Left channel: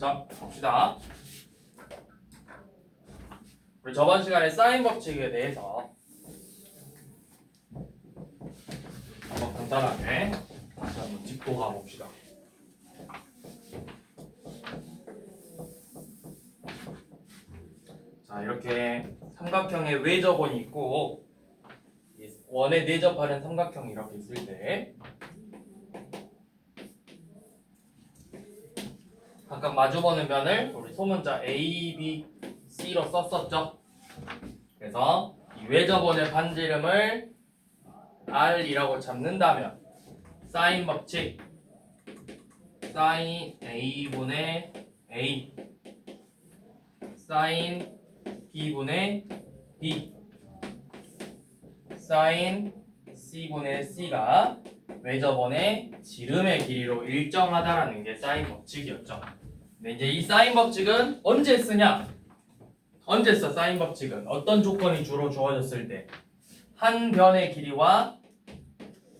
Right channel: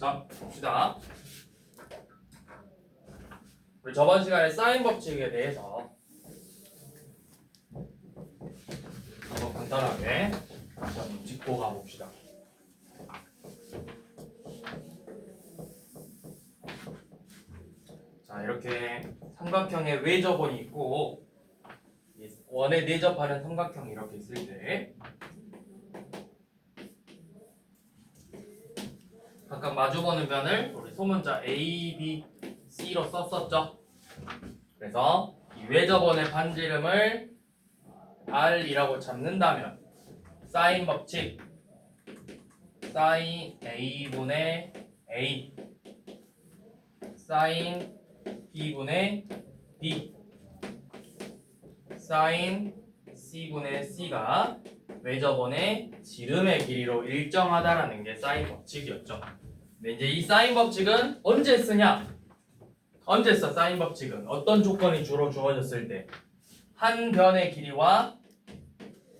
자, 봅시다. 우리 저번 시간에 사인 법칙에 대해서 한번 간단하게 다시 한번 짚고 가봅시다. 자, 이렇게 삼각형의 외접원이 있고 원에 내접하는 삼각형이 이렇게 있을 때 각각 마주보는 면을 우리 소문자 A, B, C로 썼었죠. 그래서 이 외접원의 반지름을 R이라고 잡는다면 사인 법칙 사인 A분의 A 사인 B분의 B 사인 C분의 C가 외접원의 지름의 길이로 일정하다라는 게 사인 법칙이었죠. 근데 이제 이 사인 법칙은 언제 쓰냐? 언제 써? 사인 법칙은 어떤 조건이 주로 주어졌을 때? 한 변의 길이와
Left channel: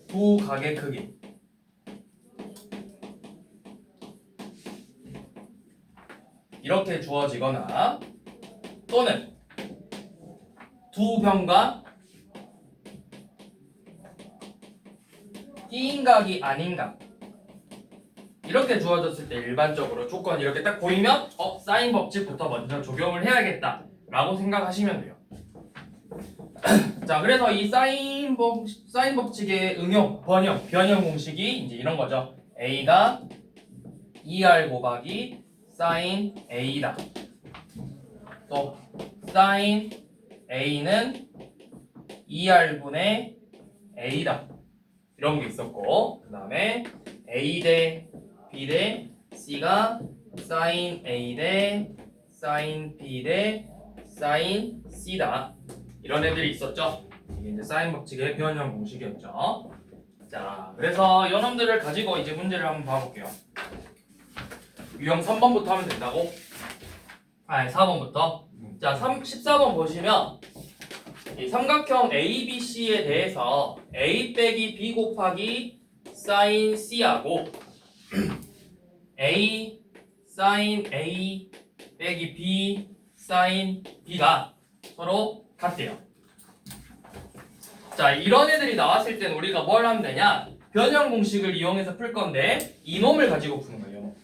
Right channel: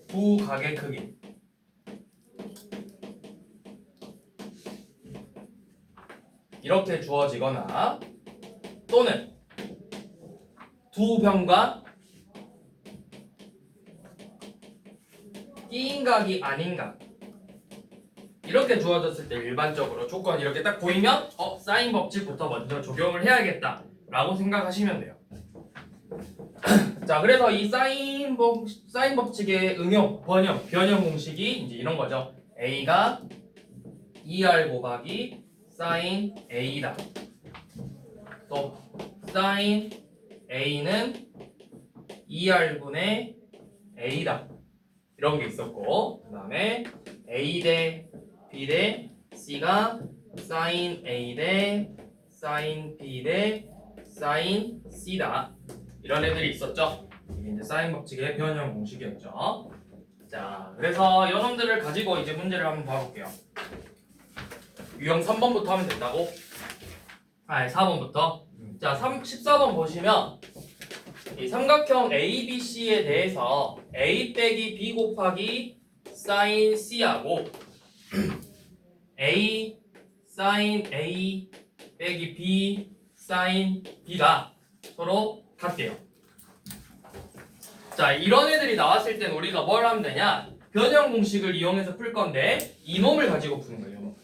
두 각의 크기. 이렇게 주어지거나 또는 두 변과 띄인 각이 아닌 각. 이렇게 주어졌을 때 일반적으로 조건이 이렇게 딱 보이면 사인 법칙부터 먼저 적용을 해야겠다 라고 생각하시면 돼요. 자, 그래서 이 사인 법칙의 응용, 변형 공식이 이제 이런 거죠. A가 2R 곱하기 사인 A다. 또 사인 A는 2R분의 A다. 이런 게 있었고, 그 다음에 A 대 B 대 C가 사인 A 대 사인 B 대 사인 C다. 이런 애들이 있었죠. 이게 이제 사인 법칙의 변형 공식이었죠. 자, 그래서 이놈들을 가지고 이제 문제를 한번 봐볼게요. 유형 3번부터 하면 된다고? 4번부터. 자, 14번 보시면 이 삼각형 ABC에 대해서 A 빼기 B 곱하기 사인 C하고 A 사인 A 빼기 B 사인 B가 서로 같대요. 자, 이런 애들이 나왔을 땐 우리가 뭘 하면 되냐? 변형 공식을 이용해서 풀 건데 이놈을 가지고 푸는 거예요.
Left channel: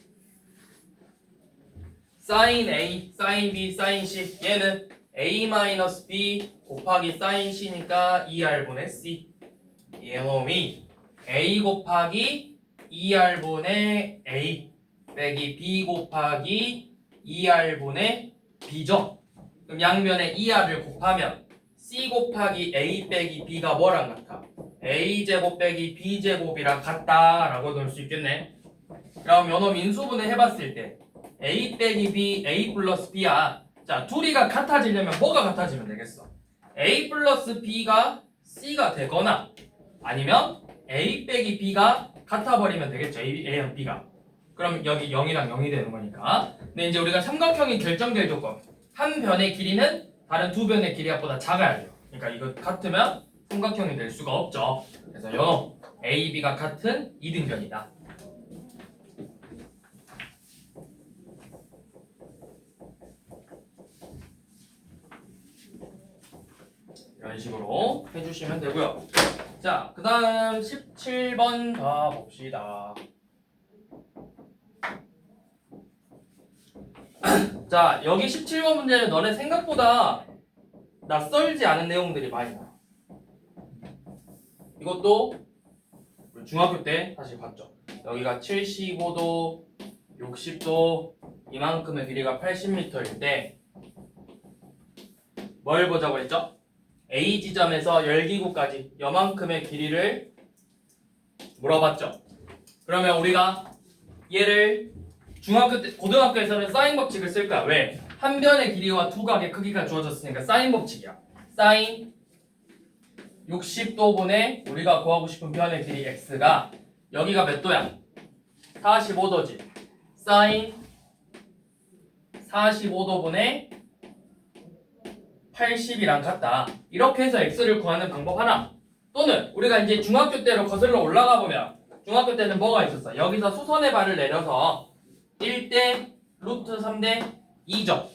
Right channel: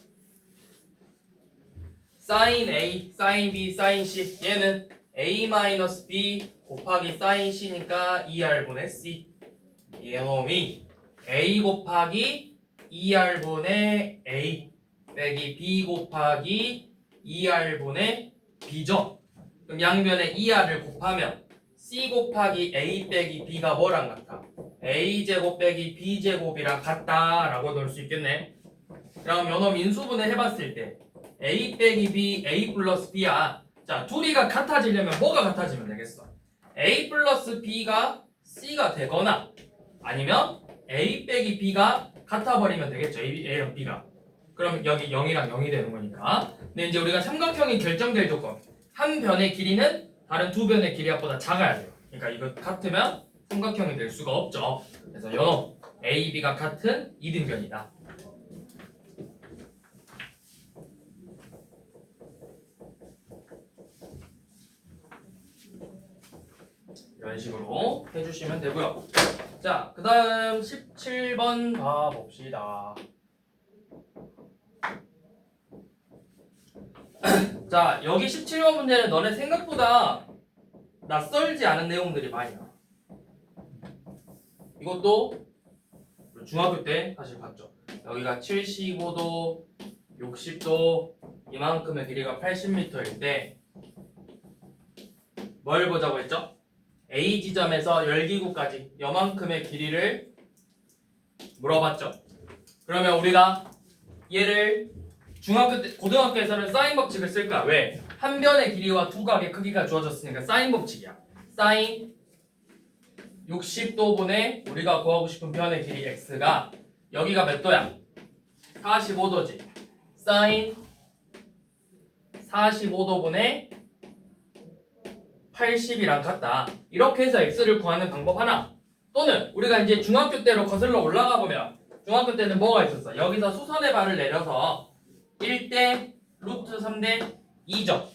사인 A, 사인 B, 사인 C 얘는 A-B 곱하기 사인 C니까 2R분의 C 얘놈이 A 곱하기 2R분의 A 빼기 B 곱하기 2R분의 B죠. 그럼 양변에 2R을 곱하면 C 곱하기 A 빼기 B가 뭐랑 같아? A제곱 빼기 B제곱이랑 같다라고 넣을 수 있겠네. 그럼 요놈 인수분해 해봤을 때 A 빼기 B, A 플러스 B야. 자, 둘이가 같아지려면 뭐가 같아지면 되겠어? A 플러스 B가 C가 되거나 아니면 A 빼기 B가 같아버리면 되겠죠. A랑 B가. 그럼 여기 0이랑 0이 되는 거니까. 근데 이제 우리가 삼각형이 결정될 조건. 한 변의 길이는 다른 두 변의 길이보다 작아야 돼요. 그러니까 이거 같으면 삼각형이 될 수가 없죠. 그래서 요놈 A, B가 같은 이등변이다. 이런 식으로 해주시면 되고요. 자, 그 다음 17번 봐봅시다. 자, 여기 17번 문제는 너네 생각보다 낯설지 않은 내용들이 많이 나와. 이것도 중학교 때 사실 봤죠. 여기가 75도, 60도, 이만큼의 길이가 80m일 때 뭘 보자고 했죠? A 지점에서 열기구까지 요만큼의 길이를 물어봤죠. 그러면 우리가 얘를 중학교 때, 고등학교에서는 사인 법칙을 쓸까? 왜? 한 변의 길이와 두 각의 크기가 주어졌으니까 사인 법칙이야. 사인 60도분의 우리가 구하고 싶은 변의 길이 x가 여기가 몇 도야? 45도지. 사인 45도분의 80이랑 같다. 이렇게 해서 x를 구하는 방법 하나. 또는 우리가 이제 중학교 때로 거슬러 올라가 보면 중학교 때는 뭐가 있었어? 여기서 수선의 발을 내려서 1대 루트 3대 2죠.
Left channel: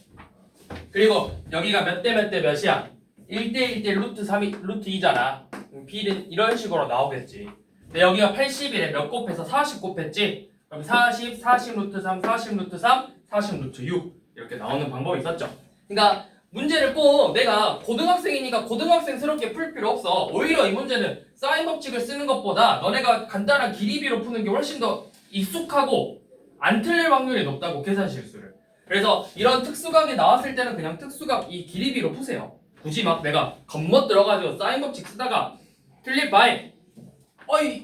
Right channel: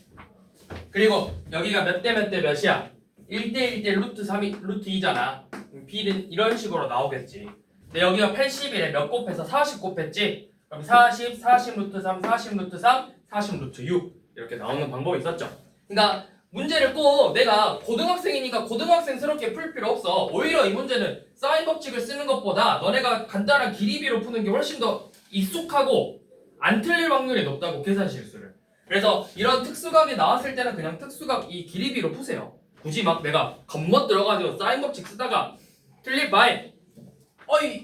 그리고 여기가 몇 대 몇 대 몇이야? 1대 1대 루트 3이 루트 2잖아. b는 이런 식으로 나오겠지. 근데 여기가 80일에 몇 곱해서 40 곱했지? 그럼 40, 40 루트 3, 40 루트 3, 40 루트 6 이렇게 나오는 방법이 있었죠. 그러니까 문제를 꼭 내가 고등학생이니까 고등학생스럽게 풀 필요 없어. 오히려 이 문제는 사인 법칙을 쓰는 것보다 너네가 간단한 기리비로 푸는 게 훨씬 더 익숙하고 안 틀릴 확률이 높다고, 계산 실수를. 그래서 이런 특수각이 나왔을 때는 그냥 특수각 이 기리비로 푸세요. 굳이 막 내가 겉멋 들어가지고 사인 법칙 쓰다가 틀릴 바에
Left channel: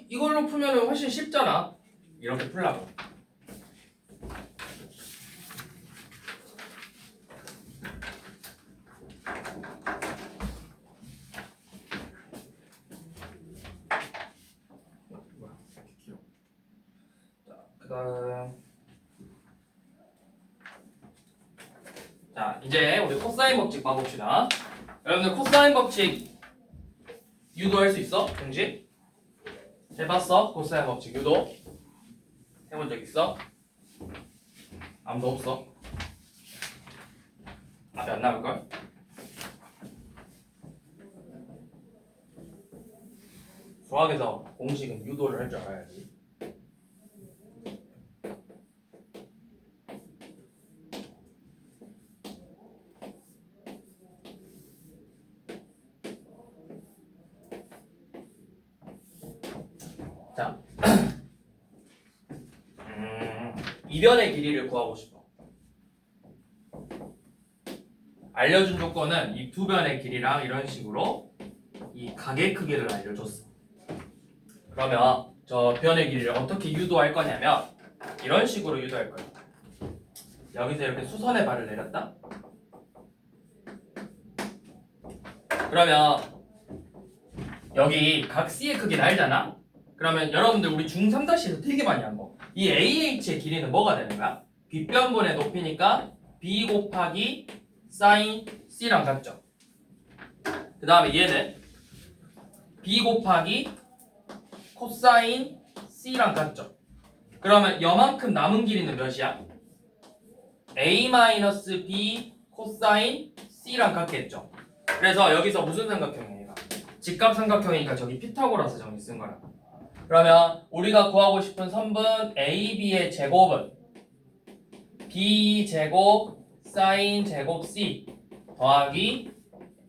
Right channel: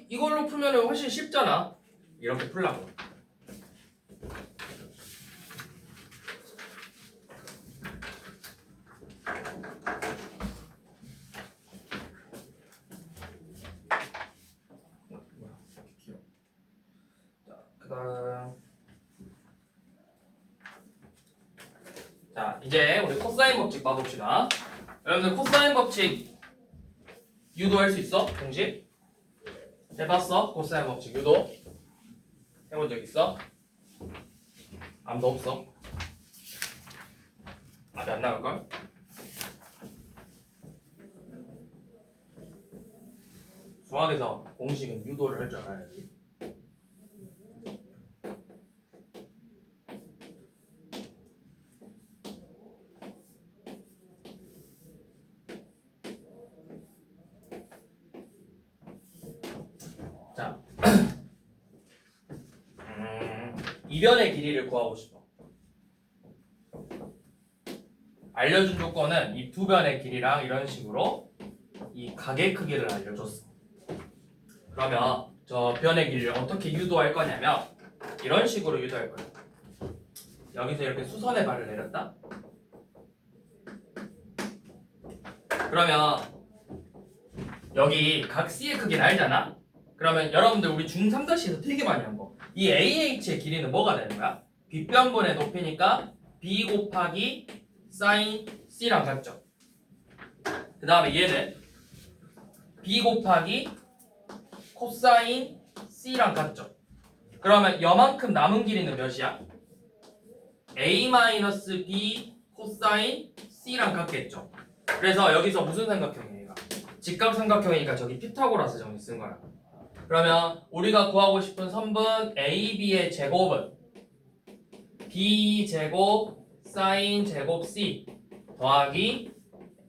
이걸로 풀면 훨씬 쉽잖아. 이렇게 풀라고. 자, 이제 우리 코사인 법칙 봐봅시다. 여러분들 코사인 법칙 유도할 수 있어? 공식? 해봤어? 코사인 법칙 유도? 해본 적 있어? 아무도 없어? 답이 안 나올걸? 수학에서 공식은 유도를 할 줄 알아야지. 자, 이변의 길이를 구하고 싶어. 알려준 조건은 이 두 변의 길이랑 이런 식으로 이 각의 크기를 알려줬어. 그러면 저 변의 길이를 어떻게 유도할 거냐면 이런 식으로 유도할 거야. 여기서 이렇게 수선의 발을 내렸다. 그러면 여기 각 C의 크기는 알잖아? 그러면 여러분들 우리 중3-에서 되게 많이 한 거. 이 AH의 길이는 뭐가 되는 거야? 빗변분의 높이니까 B 곱하기 사인 C랑 같죠? 그 다음에 얘는 B 곱하기 코사인 C랑 같죠? 그러면 여만큼 남은 길이는 몇이야? A-B 코사인 C랑 같겠죠? 그래서 여기서 무슨 삼각형이야 얘가? 직각삼각형이니까 저기 피타고라스 정리 쓴 거야. 그러면 우리가 구하고 싶은 선분 AB의 제곱은 B제곱 사인 제곱 C 더하기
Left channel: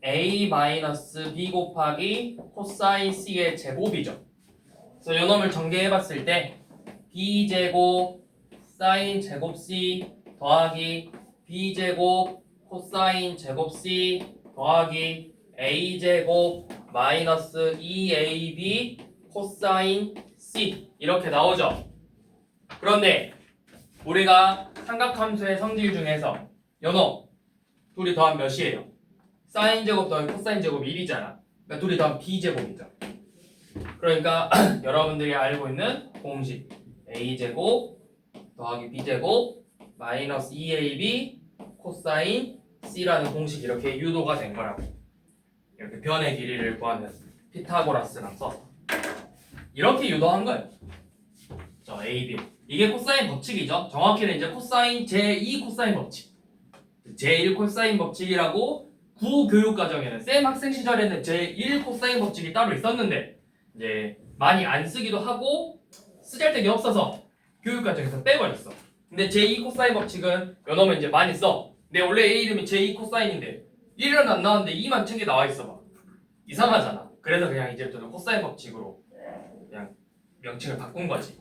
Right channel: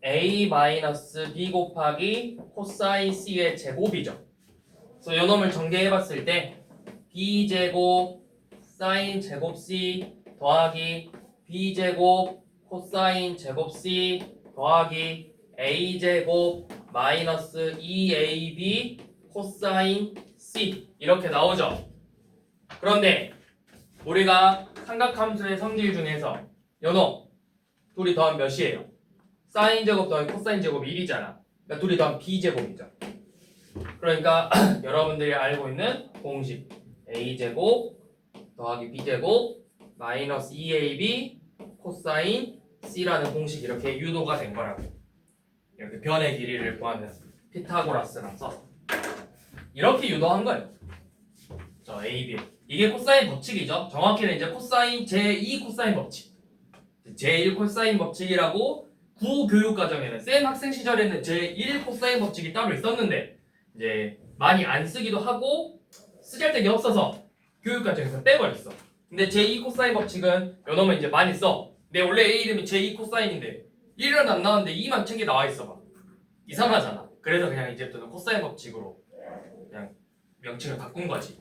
A-B 곱하기 코사인 C의 제곱이죠. 그래서 요 놈을 전개해봤을 때 B제곱 사인 제곱 C 더하기 B제곱 코사인 제곱 C 더하기 A제곱 마이너스 2AB 코사인 C 이렇게 나오죠. 그런데 우리가 삼각함수의 성질 중에서 요놈 둘이 더하면 몇이에요? 사인 제곱 더하기 코사인 제곱 1이잖아. 그러니까 둘이 더하면 B제곱이죠. 그러니까 여러분들이 알고 있는 공식 A제곱 더하기 B제곱 마이너스 2AB 코사인 C라는 공식이 이렇게 유도가 된 거라고. 이렇게 변의 길이를 구하는 피타고라스랑 써서 이렇게 유도한 거예요. 저 A, B 이게 코사인 법칙이죠. 정확히는 이제 코사인 제2 코사인 법칙, 제1 코사인 법칙이라고 구교육과정에는 쌤 학생 시절에는 제1 코사인 법칙이 따로 있었는데 이제 많이 안 쓰기도 하고 쓰잘데기 없어서 교육과정에서 빼버렸어. 근데 제2 코사인 법칙은 요놈은 이제 많이 써. 근데 원래 A 이름이 제2 코사인인데 1은 안 나왔는데 2만 책에 나와 있어 봐. 이상하잖아. 그래서 그냥 이제부터는 코사인 법칙으로 그냥 명칭을 바꾼 거지.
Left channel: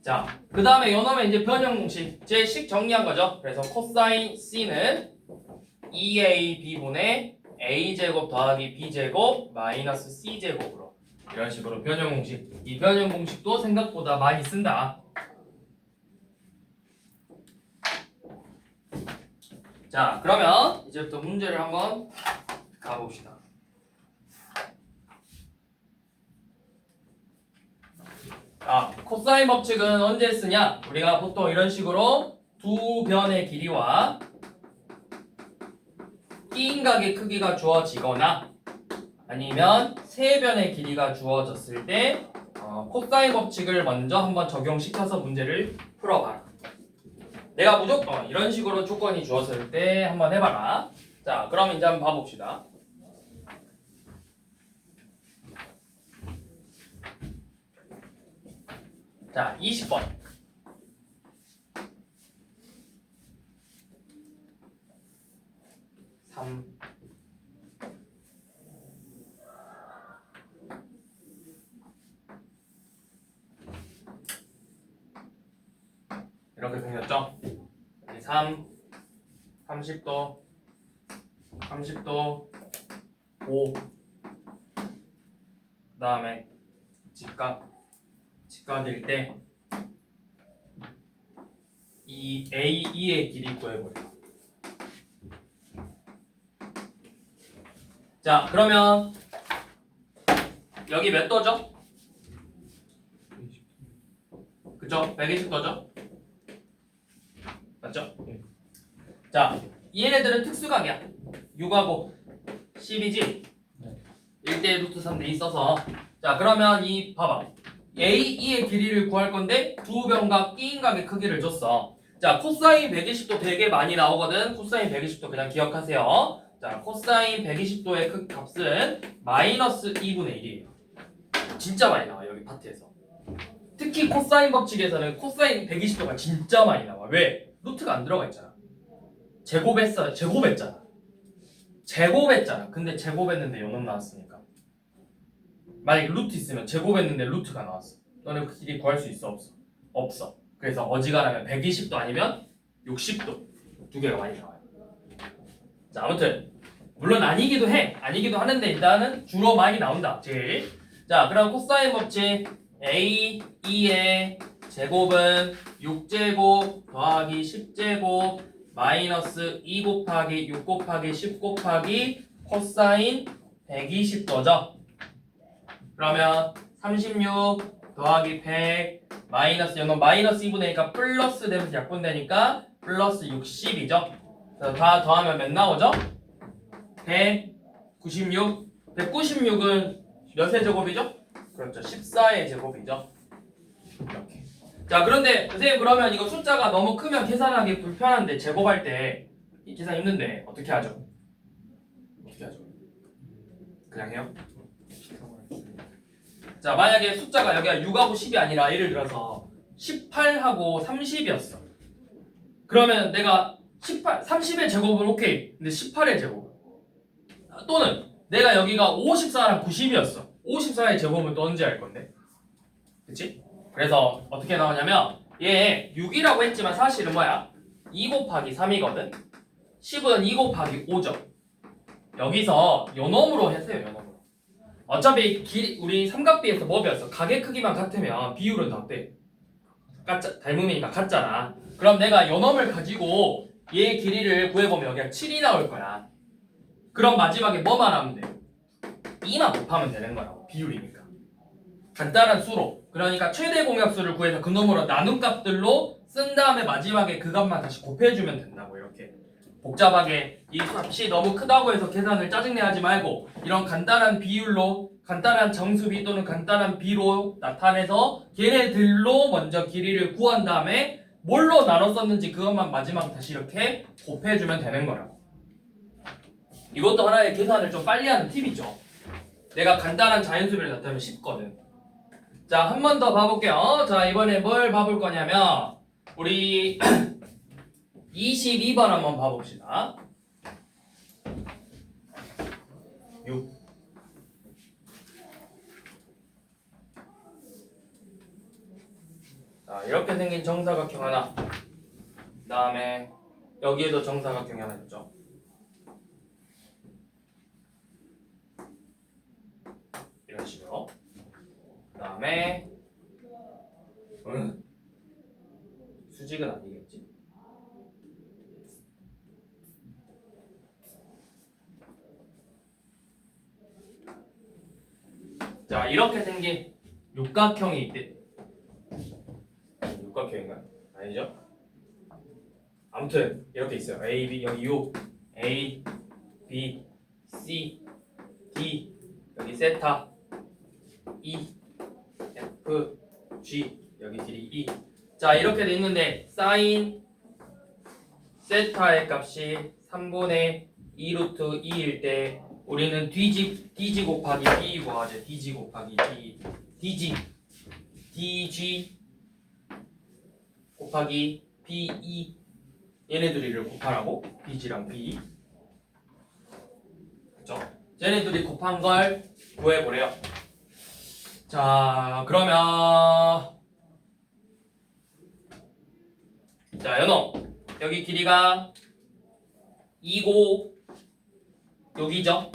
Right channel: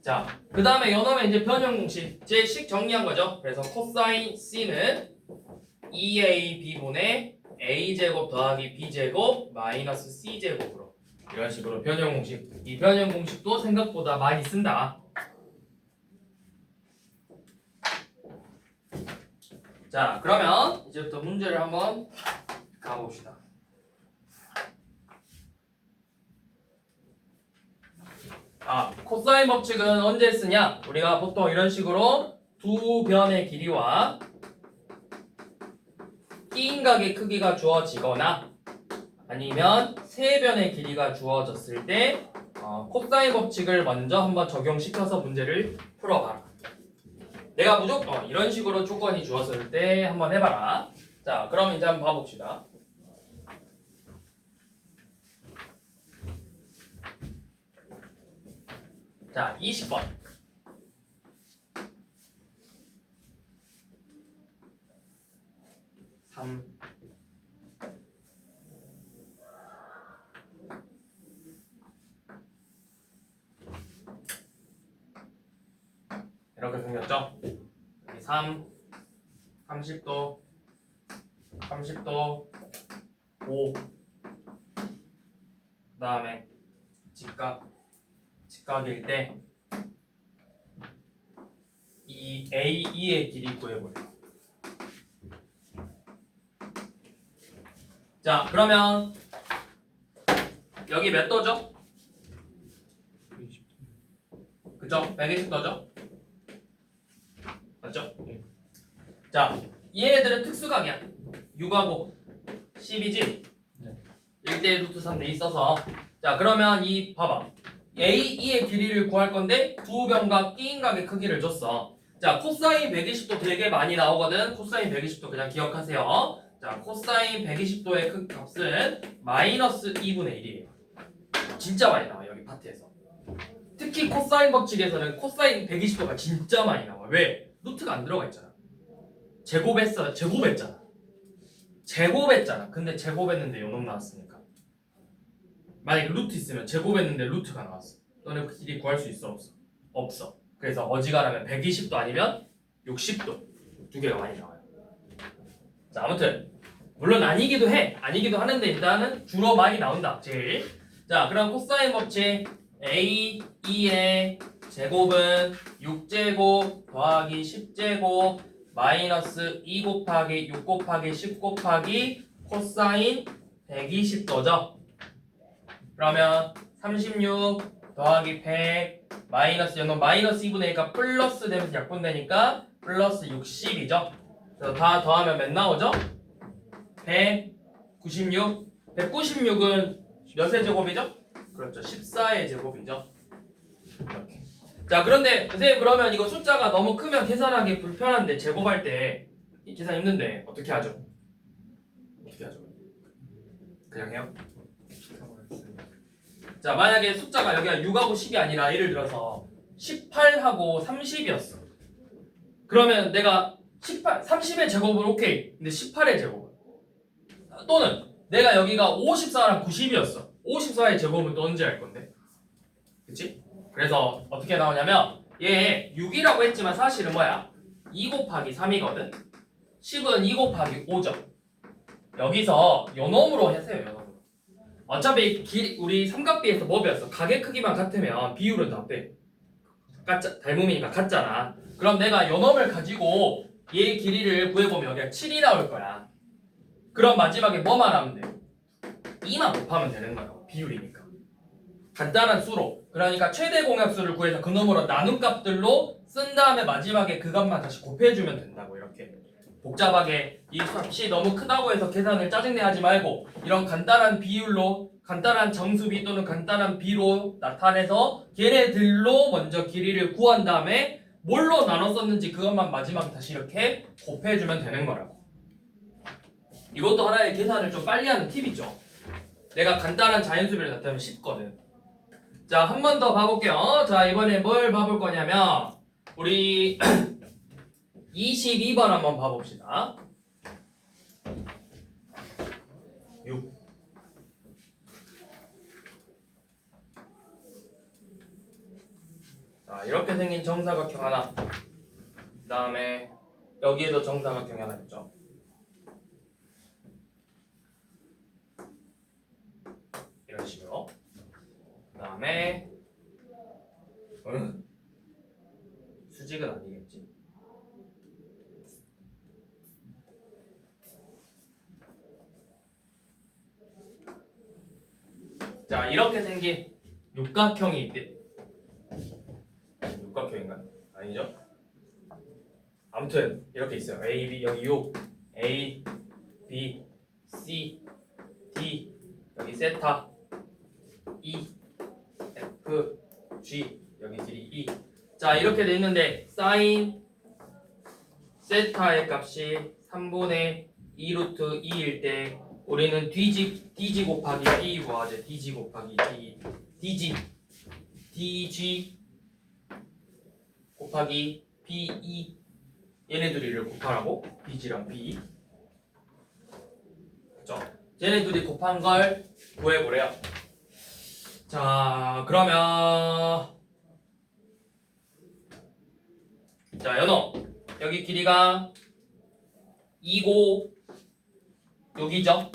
자, 그 다음에 요놈의 이제 변형 공식 제 식 정리한 거죠. 그래서 코사인 C는 2AB분의 A제곱 더하기 B제곱 마이너스 C제곱으로 이런 식으로 변형 공식. 이 변형 공식도 생각보다 많이 쓴다. 자, 그러면 이제부터 문제를 한번 가봅시다. 코사인 법칙은 언제 쓰냐? 우리가 보통 이런 식으로 두 변의 길이와 끼인각의 크기가 주어지거나 아니면 세 변의 길이가 주어졌을 때 코사인 법칙을 먼저 한번 적용시켜서 문제를 풀어봐라. 내가 무조건 이런 식으로 조건이 주어졌을 때 한번 해봐라. 자, 그럼 이제 한번 봐봅시다. 자, 20번. 3. 이렇게 생겼죠? 3, 30도, 30도, 5. 그 다음에 직각일 때 이 A2의 길이 구해버려. 자, 그러면 여기 몇 도죠? 그죠? 120도죠? 맞죠? 자, 얘네들은 특수각이야. 6하고 10이지? 1대 루트 3대 있어서. 자, 그러면 이 봐봐. A2의 길이를 구할 건데 두 변각 끼인각의 크기를 줬어. 자, 코사인 120도 되게 많이 나오거든. 코사인 120도 그냥 기억하세요. 자, 코사인 120도의 값은 마이너스 2분의 1이에요. 진짜 많이 나와 여기 파트에서. 특히 코사인 법칙에서는 코사인 120도가 진짜 많이 나와. 왜? 루트가 안 들어가 있잖아. 제곱했잖아. 근데 제곱했는데 요놈 나왔으니까. 만약에 루트 있으면 제곱했는데 루트가 나왔어. 너네 그 길이 구할 수 있어? 없어? 없어. 그래서 어지간하면 120도 아니면 60도 두 개가 많이 나와요. 자, 아무튼 물론 아니기도 하는데 일단은 주로 많이 나온다. 제일. 자, 그럼 코사인 법칙 A, 2의 제곱은 6제곱 더하기 10제곱 마이너스 2 곱하기 6 곱하기 10 곱하기 코사인 120도죠. 그러면 36 더하기 100 마이너스 연놈 마이너스 2분의 1가 플러스 되면서 약분되니까 플러스 60이죠. 그래서 다 더하면 몇 나오죠? 196. 196은 몇의 제곱이죠? 그렇죠. 14의 제곱이죠. 이렇게. 자, 그런데 선생님 그러면 이거 숫자가 너무 크면 계산하기 불편한데 제곱할 때 이 계산 힘든데 어떻게 하죠? 그냥 해요? 자, 만약에 숫자가 여기가 6하고 10이 아니라 예를 들어서 18하고 30이었어. 그러면 내가 30의 제곱은 오케이. 근데 18의 제곱은 또는 내가 여기가 54랑 90이었어. 54의 제곱은 또 언제 할 건데? 그치? 그래서 어떻게 나오냐면 얘 6이라고 했지만 사실은 뭐야? 2 곱하기 3이거든? 10은 2 곱하기 5죠. 여기서 요놈으로 하세요. 요놈으로. 어차피 우리 삼각비에서 뭐 배웠어? 각의 크기만 같으면 비율은 다 어때? 닮음이니까 같잖아. 그럼 내가 요놈을 가지고 얘 길이를 구해보면 여기가 7이 나올 거야. 그럼 마지막에 뭐만 하면 돼? 2만 곱하면 되는 거야. 비율이니까. 간단한 수로. 그러니까 최대 공약수를 구해서 그 놈으로 나눈 값들로 쓴 다음에 마지막에 그 값만 다시 곱해주면 된다고. 이렇게 복잡하게 이 값이 너무 크다고 해서 계산을 짜증내 하지 말고 이런 간단한 비율로 간단한 정수비 또는 간단한 비로 나타내서 걔네들로 먼저 길이를 구한 다음에 뭘로 나눠 썼는지 그것만 마지막에 다시 이렇게 곱해주면 되는 거라고. 이것도 하나의 계산을 좀 빨리 하는 팁이죠. 내가 간단한 자연수비를 나타내면 쉽거든. 자, 한 번 더 봐볼게요. 자, 이번에 뭘 봐볼 거냐면 우리 22번 한번 봐봅시다. 6. 자, 이렇게 생긴 정사각형 하나. 그 다음에 여기에도 정사각형이 하나 있죠. 이런 식으로. 그 다음에 수직은 아니겠지. 자, 이렇게 생긴 육각형이 있대. 육각형인가요? 아니죠? 아무튼 이렇게 있어요. A, B 여기 6, A, B, C, D 여기 세타, E, F, G 여기 길이 E. 자, 이렇게 돼 있는데 사인 세타의 값이 3분의 2 루트 2일 때 우리는 dg 곱하기 b 구하죠. dg 곱하기 b dg 곱하기 be 얘네들이를 곱하라고 dg랑 b 그죠? 얘네들이 곱한 걸 구해보래요. 자 그러면 자 연호 여기 길이가 2고 여기죠.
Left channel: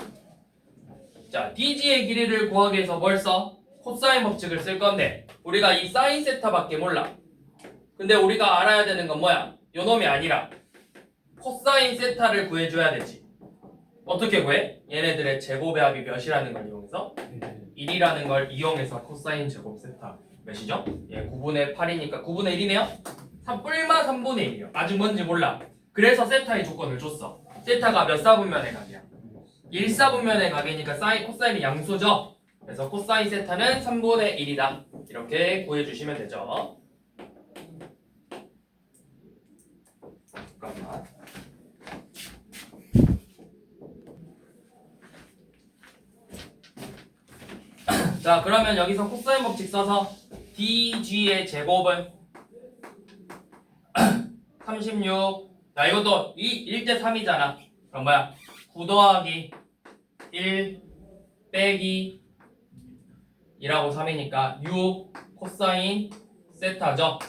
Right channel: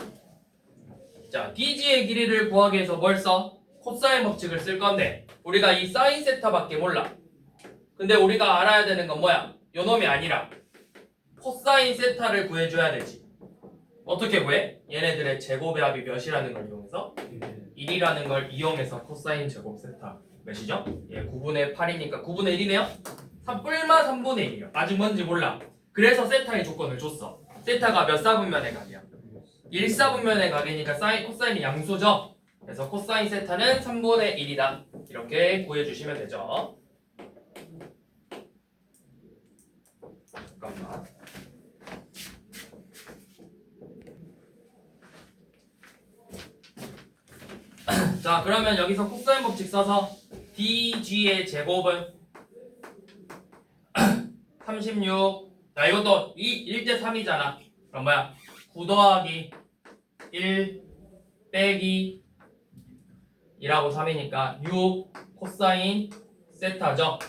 자 dg의 길이를 구하기 위해서 뭘 써? 코사인 법칙을 쓸 건데 우리가 이 사인 세타밖에 몰라. 근데 우리가 알아야 되는 건 뭐야? 요놈이 아니라 코사인 세타를 구해줘야 되지. 어떻게 구해? 얘네들의 제곱의 합이 몇이라는 걸 이용해서 1이라는 걸 이용해서 코사인 제곱 세타 몇이죠? 예, 9분의 8이니까 9분의 1이네요? 3뿔마 3분의 1이요. 아직 뭔지 몰라. 그래서 세타의 조건을 줬어. 세타가 몇 사분면의 각이야? 1사분면의 각이니까 사인, 코사인이 양수죠? 그래서 코사인 세타는 3분의 1이다. 이렇게 구해주시면 되죠. 잠깐만. 자 그러면 여기서 코사인 법칙 써서 dg의 제곱은 36. 자 이것도 1대 3이잖아. 그럼 뭐야? 9 더하기 1 빼기 2라고 3이니까 6 코사인 세타죠.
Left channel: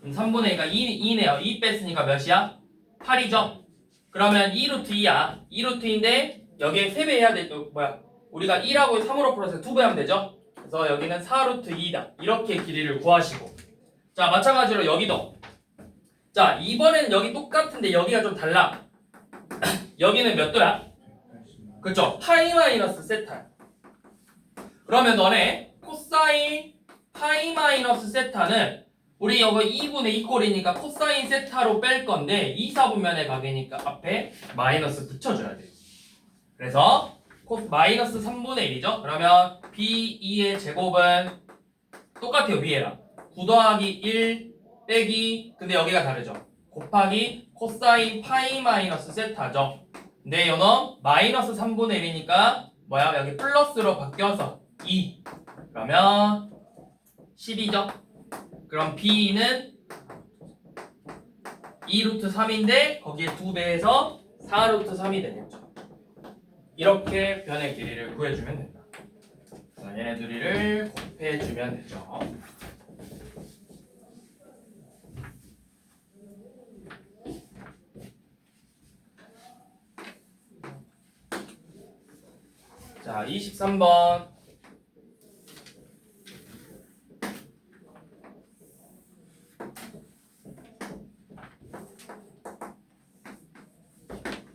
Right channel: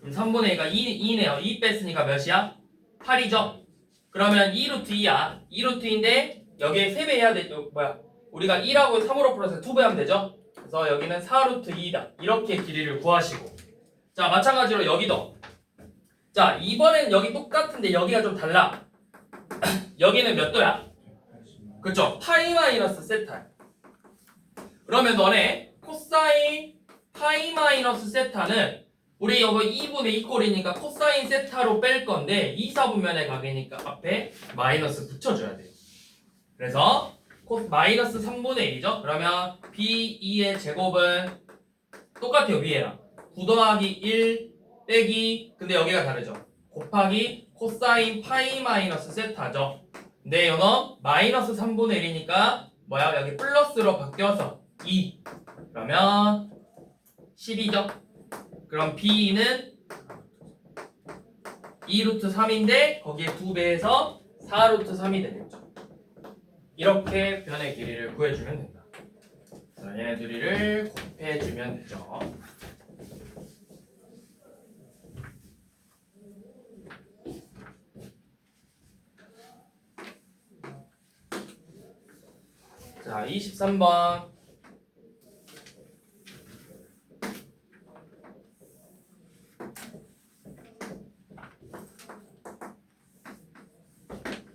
그럼 3분의 2가 2네요. 2 뺐으니까 몇이야? 8이죠. 그러면 2루트 2야. 2루트인데 여기에 3배 해야 돼. 뭐야? 우리가 1하고 3으로 풀어서 2배 하면 되죠. 그래서 여기는 4루트 2다. 이렇게 길이를 구하시고 자 마찬가지로 여기도 자 이번엔 여기 똑같은데 여기가 좀 달라. 여기는 몇 도야? 그쵸? 파이 마이너스 세타. 그러면 너네 코사인 파이 마이너스 세타는 우리 여기 2분의 2 꼴이니까 코사인 세타로 뺄 건데 2사분면의 각이니까 앞에 마이너스 붙여줘야 돼요. 그래서 마이너스 3분의 1이죠? 그러면 B2의 제곱은 똑같아요. 위에랑 9 더하기 1 빼기 근데 여기가 다르죠. 곱하기 코사인 파이 마이너스 세타죠. 근데 이거는 마이너스 3분의 1이니까 뭐야? 여기 플러스로 바뀌어서 2 그러면 10이죠. 그럼 B는 2루트 3인데 거기에 2배해서 4루트 3이 되겠죠. 이렇게 변의 길이를 구해주면 된다. 자, 얘네 둘이를 곱해주면 되죠. 자, 23번.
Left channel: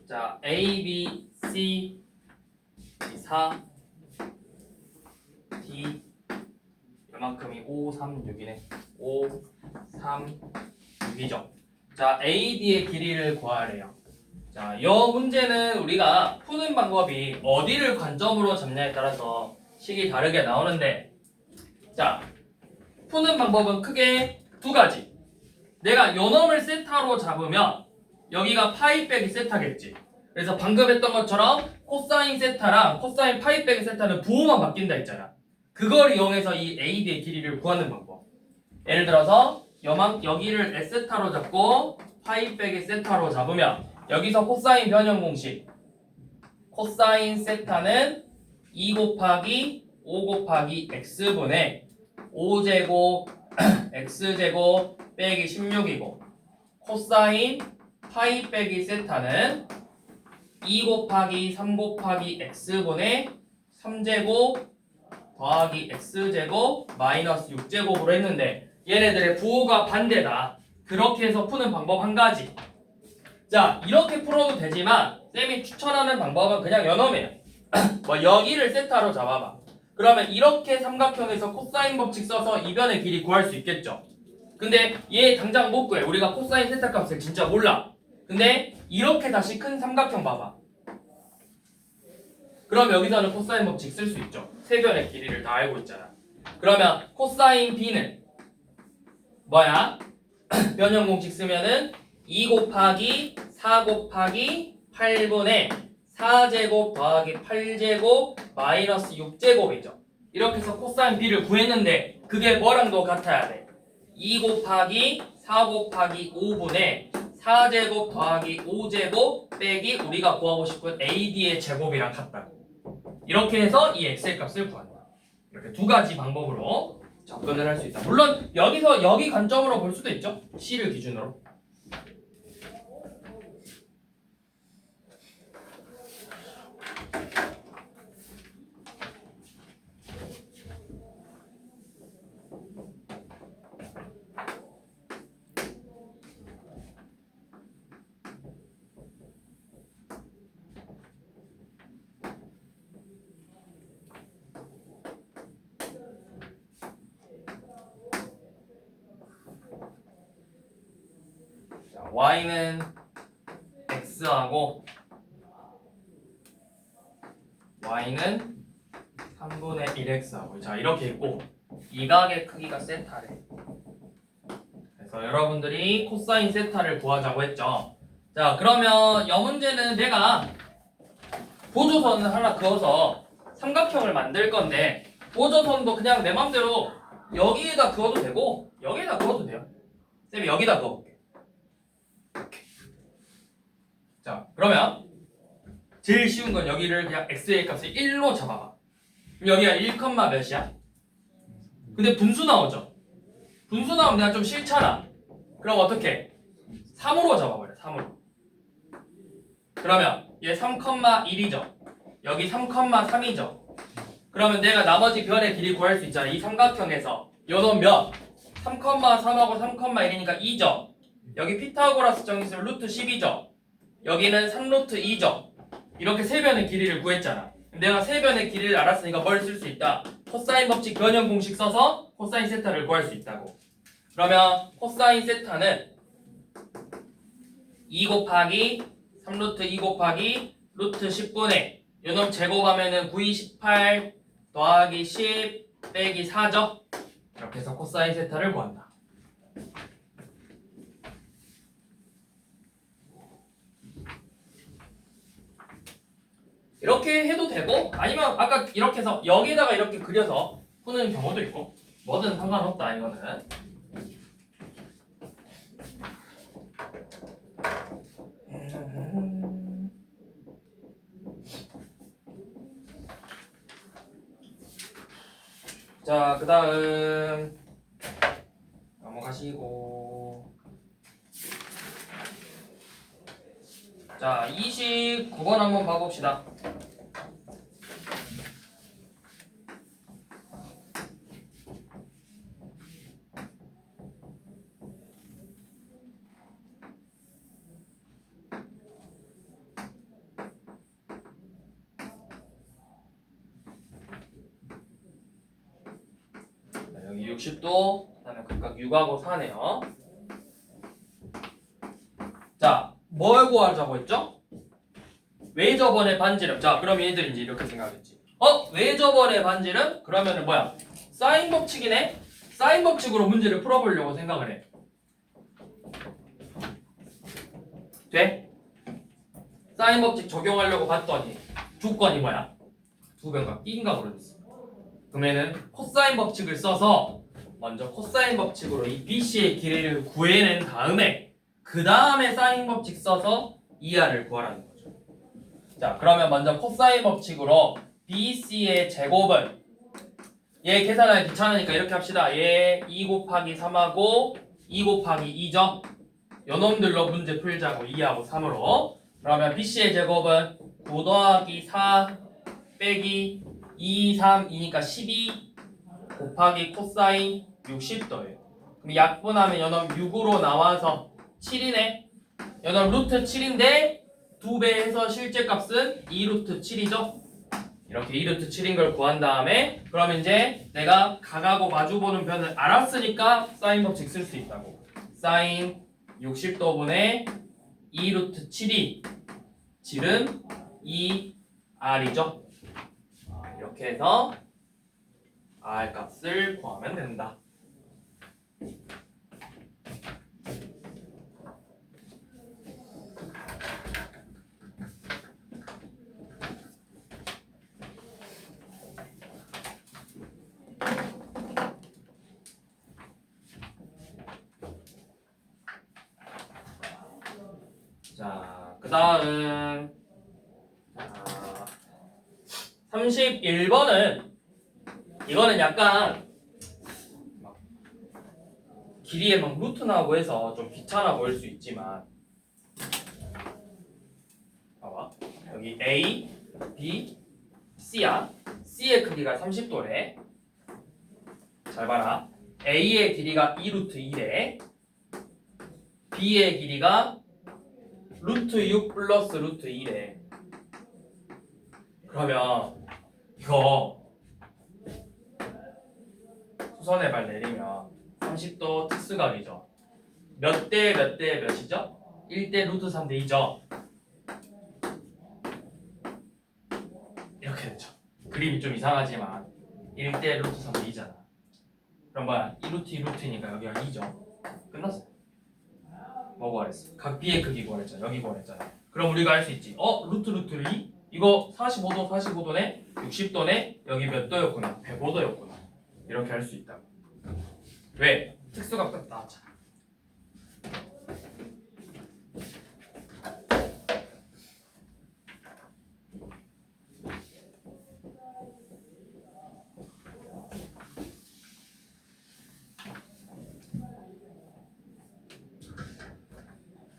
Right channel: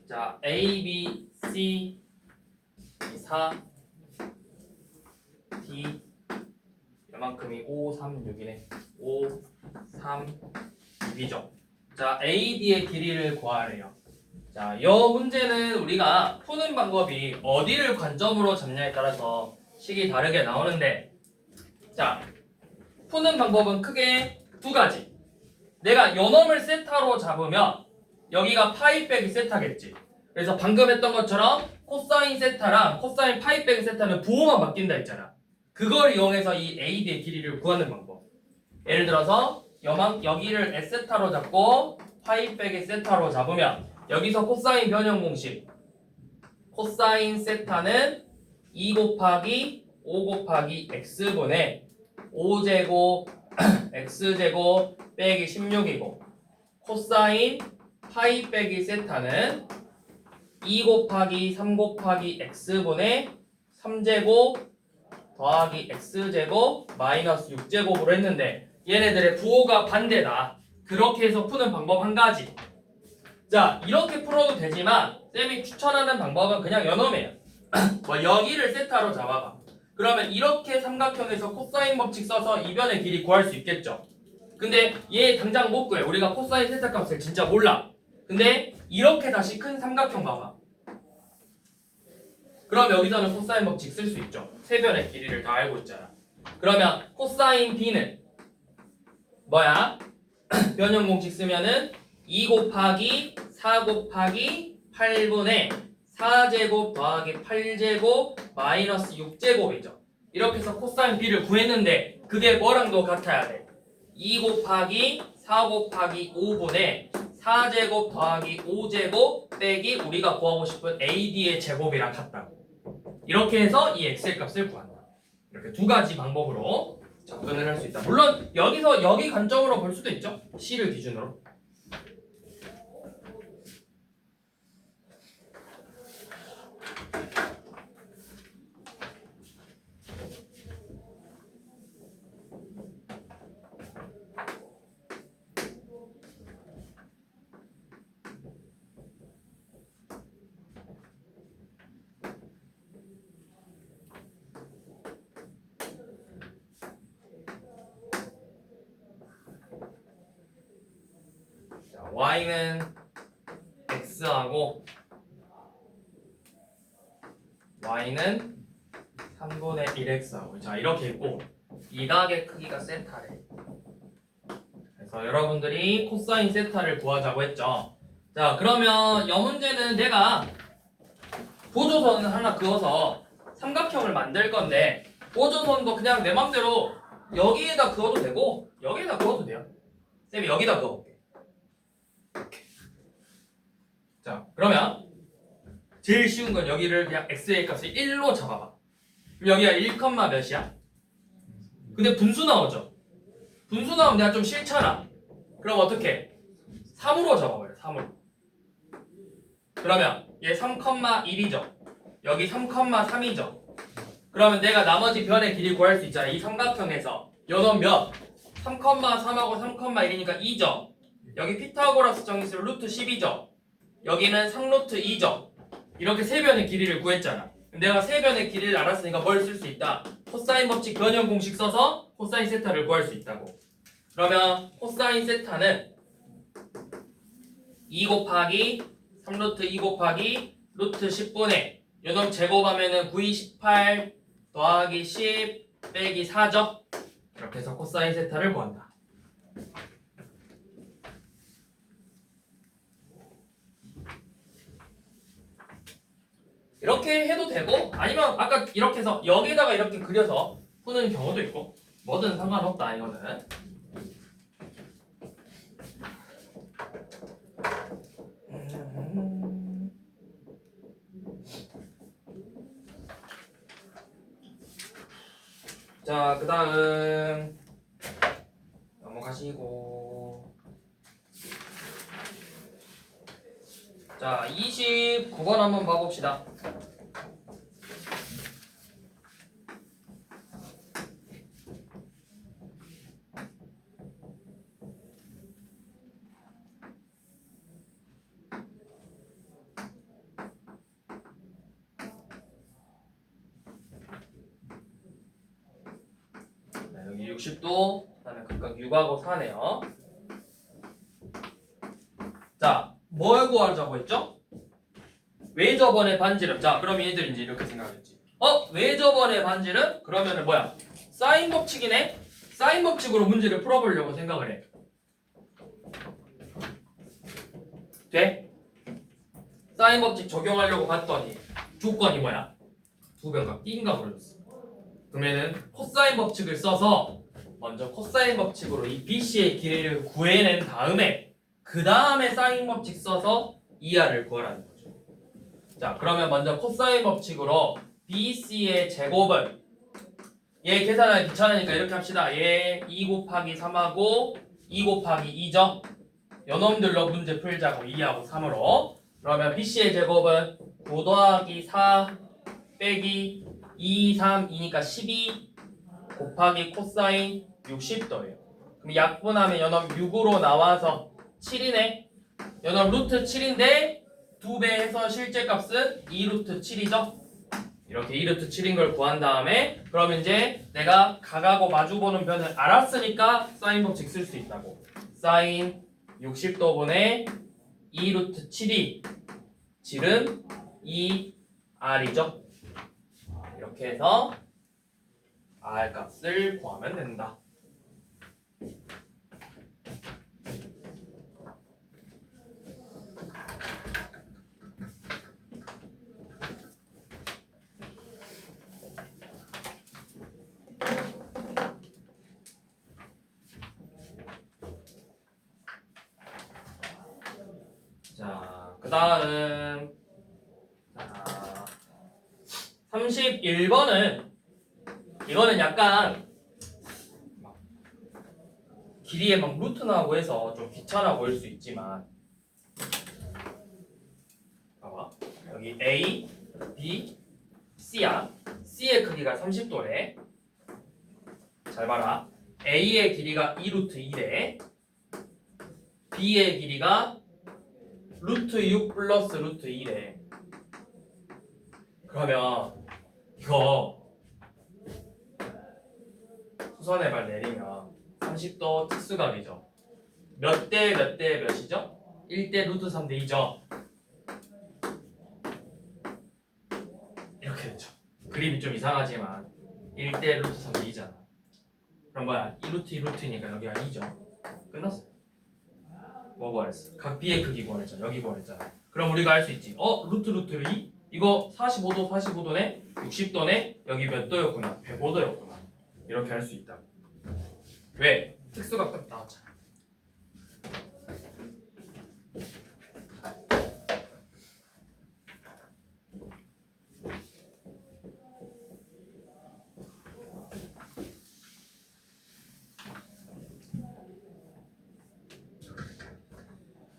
자, A, B, C 4 D 이만큼이 5, 3, 6이네. 5, 3, 6이죠. 자, AD의 길이를 구하래요. 자, 이 문제는 우리가 푸는 방법이 어디를 관점으로 잡냐에 따라서 식이 다르게 나오는데 자, 푸는 방법은 크게 두 가지. 내가 요 놈을 세타로 잡으면 여기가 파이 빼기 세타겠지. 그래서 방금 했던 것처럼 코사인 세타랑 코사인 파이 빼기 세타는 부호만 바뀐다 했잖아. 그걸 이용해서 이 AD의 길이를 구하는 방법. 예를 들어서 여기를 S세타로 잡고 파이 빼기 세타로 잡으면 여기서 코사인 변형 공식 코사인 세타는 2 곱하기 5 곱하기 X분의 5제곱 X제곱 빼기 16이고 코사인 파이 빼기 세타는 2 곱하기 3 곱하기 X분의 3제곱 더하기 X제곱 마이너스 6제곱으로 했는데 얘네들의 부호가 반대다. 그렇게 해서 푸는 방법 한 가지. 자, 이렇게 풀어도 되지만 쌤이 추천하는 방법은 그냥 연엄해요. 뭐 여기를 세타로 잡아봐. 그러면 이렇게 삼각형에서 코사인 법칙 써서 이 변의 길이 구할 수 있겠죠. 근데 얘 당장 못 구해. 우리가 코사인 세타 값을 진짜 몰라. 근데 이렇게 다시 큰 삼각형 봐봐. 그럼 여기서는 코사인 법칙 쓸 수 있죠. 세 변의 길이를 다 알고 있잖아. 그러면 코사인 B는 뭐야? 변형 공식 쓰면은 2 곱하기 4 곱하기 8분의 4제곱 더하기 8제곱 마이너스 6제곱이죠. 이렇게 해서 코사인 B를 구했는데 그게 뭐랑도 같아야 돼. 2 곱하기 4 곱하기 5분의 4제곱 더하기 5제곱 빼기 우리가 구하고 싶은 AD의 제곱이랑 같다고. 이렇게 해서 이 x의 값을 구한다. 이렇게 두 가지 방법으로 접근을 할 수 있다. 물론 여기서 여기 관점으로 볼 수도 있죠. C를 기준으로. y는 x하고 y는 3분의 1x하고 자 이렇게 있고 이 각의 크기가 세타래. 그래서 여러분들이 코사인 세타를 구하자고 했죠. 자 그러면 이 문제는 내가 보조선을 하나 그어서 삼각형을 만들 건데 보조선도 그냥 내 맘대로 여기에다 그어도 되고 여기에다 그어도 돼요. 쌤이 여기다 그어볼게. 자 그러면 제일 쉬운 건 여기를 그냥 x의 값을 1로 잡아봐. 그럼 여기가 1, 몇이야? 근데 분수 나오죠? 분수 나오면 내가 좀 싫잖아. 그럼 어떻게? 3으로 잡아버려. 3으로. 그러면 얘 3,1이죠. 여기 3,3이죠. 그러면 내가 나머지 변의 길이 구할 수 있잖아. 이 삼각형에서 요놈 몇? 3,3하고 3,1이니까 2죠. 여기 피타고라스 정의수 루트 10이죠. 여기는 3루트 2죠. 이렇게 세 변의 길이를 구했잖아. 내가 세 변의 길이를 알았으니까 뭘 쓸 수 있다? 코사인 법칙 변형 공식 써서 코사인 세타를 구할 수 있다고. 그러면 코사인 세타는 2 곱하기 3루트 2 곱하기 루트 10분의 요놈 제곱하면은 9, 18 더하기 10 빼기 4죠. 이렇게 해서 코사인 세타를 구한다. 이렇게 해도 되고 아니면 아까 이렇게 해서 여기다가 이렇게 그려서 푸는 경우도 있고 뭐든 상관없다 이거는. 자, 그 다음 넘어가시고 자, 29번 한번 봐봅시다. 여기 60도, 그다음에 각각 6하고 4네요. 자, 뭘 구하자고 했죠? 외접원의 반지름. 자, 그럼 얘들 이제 이렇게 생각했지. 외접원의 반지름? 그러면은 뭐야? 사인 법칙이네? 사인 법칙으로 문제를 풀어보려고 생각을 해. 돼? 사인 법칙 적용하려고 봤더니 조건이 뭐야? 두 배가 띵가 그러졌어. 그러면은 코사인 법칙을 써서 먼저 코사인 법칙으로 이 BC의 길이를 구해낸 다음에 그 다음에 사인 법칙 써서 ER을 구하라는 거죠. 자, 그러면 먼저 코사인 법칙으로 BC의 제곱은 얘 계산하기 귀찮으니까 이렇게 합시다. 얘 2 곱하기 3하고 2 곱하기 2죠. 요놈들로 문제 풀자고 2하고 3으로. 그러면 BC의 제곱은 9 더하기 4 빼기 2, 3, 2니까 12 곱하기 코사인 60도예요. 그럼 약분하면 요놈 6으로 나와서 7이네. 요놈 루트 7인데 2배 해서 실제 값은 2루트 7이죠. 이렇게 2루트 7인 걸 구한 다음에 그러면 이제 내가 각하고 마주보는 변을 알았으니까 사인 법칙 쓸 수 있다고. 사인 60도분의 2루트 7이 질은 2R이죠. 이렇게 해서 R 값을 구하면 된다. 자, 그 다음 31번은 이거는 약간 막 길이에 막 루트 나오고 해서 좀 귀찮아 보일 수 있지만 봐봐. 여기 A, B, C야. C의 크기가 30도래. 잘 봐라. A의 길이가 2루트 1에 B의 길이가 루트 6 플러스 루트 1에 그러면 이거 수선의 발 내리면 30도 특수각이죠. 몇 대 몇 대 몇이죠? 1대 루트 3대 2죠. 이렇게 되죠. 그림이 좀 이상하지만 1대 루트 3대 2잖아. 그럼 뭐야? 2루트 2루트니까 여기가 2죠. 끝났어. 뭐 구했어? 각 B의 크기 구했잖아. 여기 구했잖아. 그럼 우리가 알 수 있지. 루트 루트 2? 이거 45도 45도네? 60도네? 여기 몇 도였구나? 105도였구나. 이렇게 할 수 있다. 왜? 특수각 딱 나왔잖아.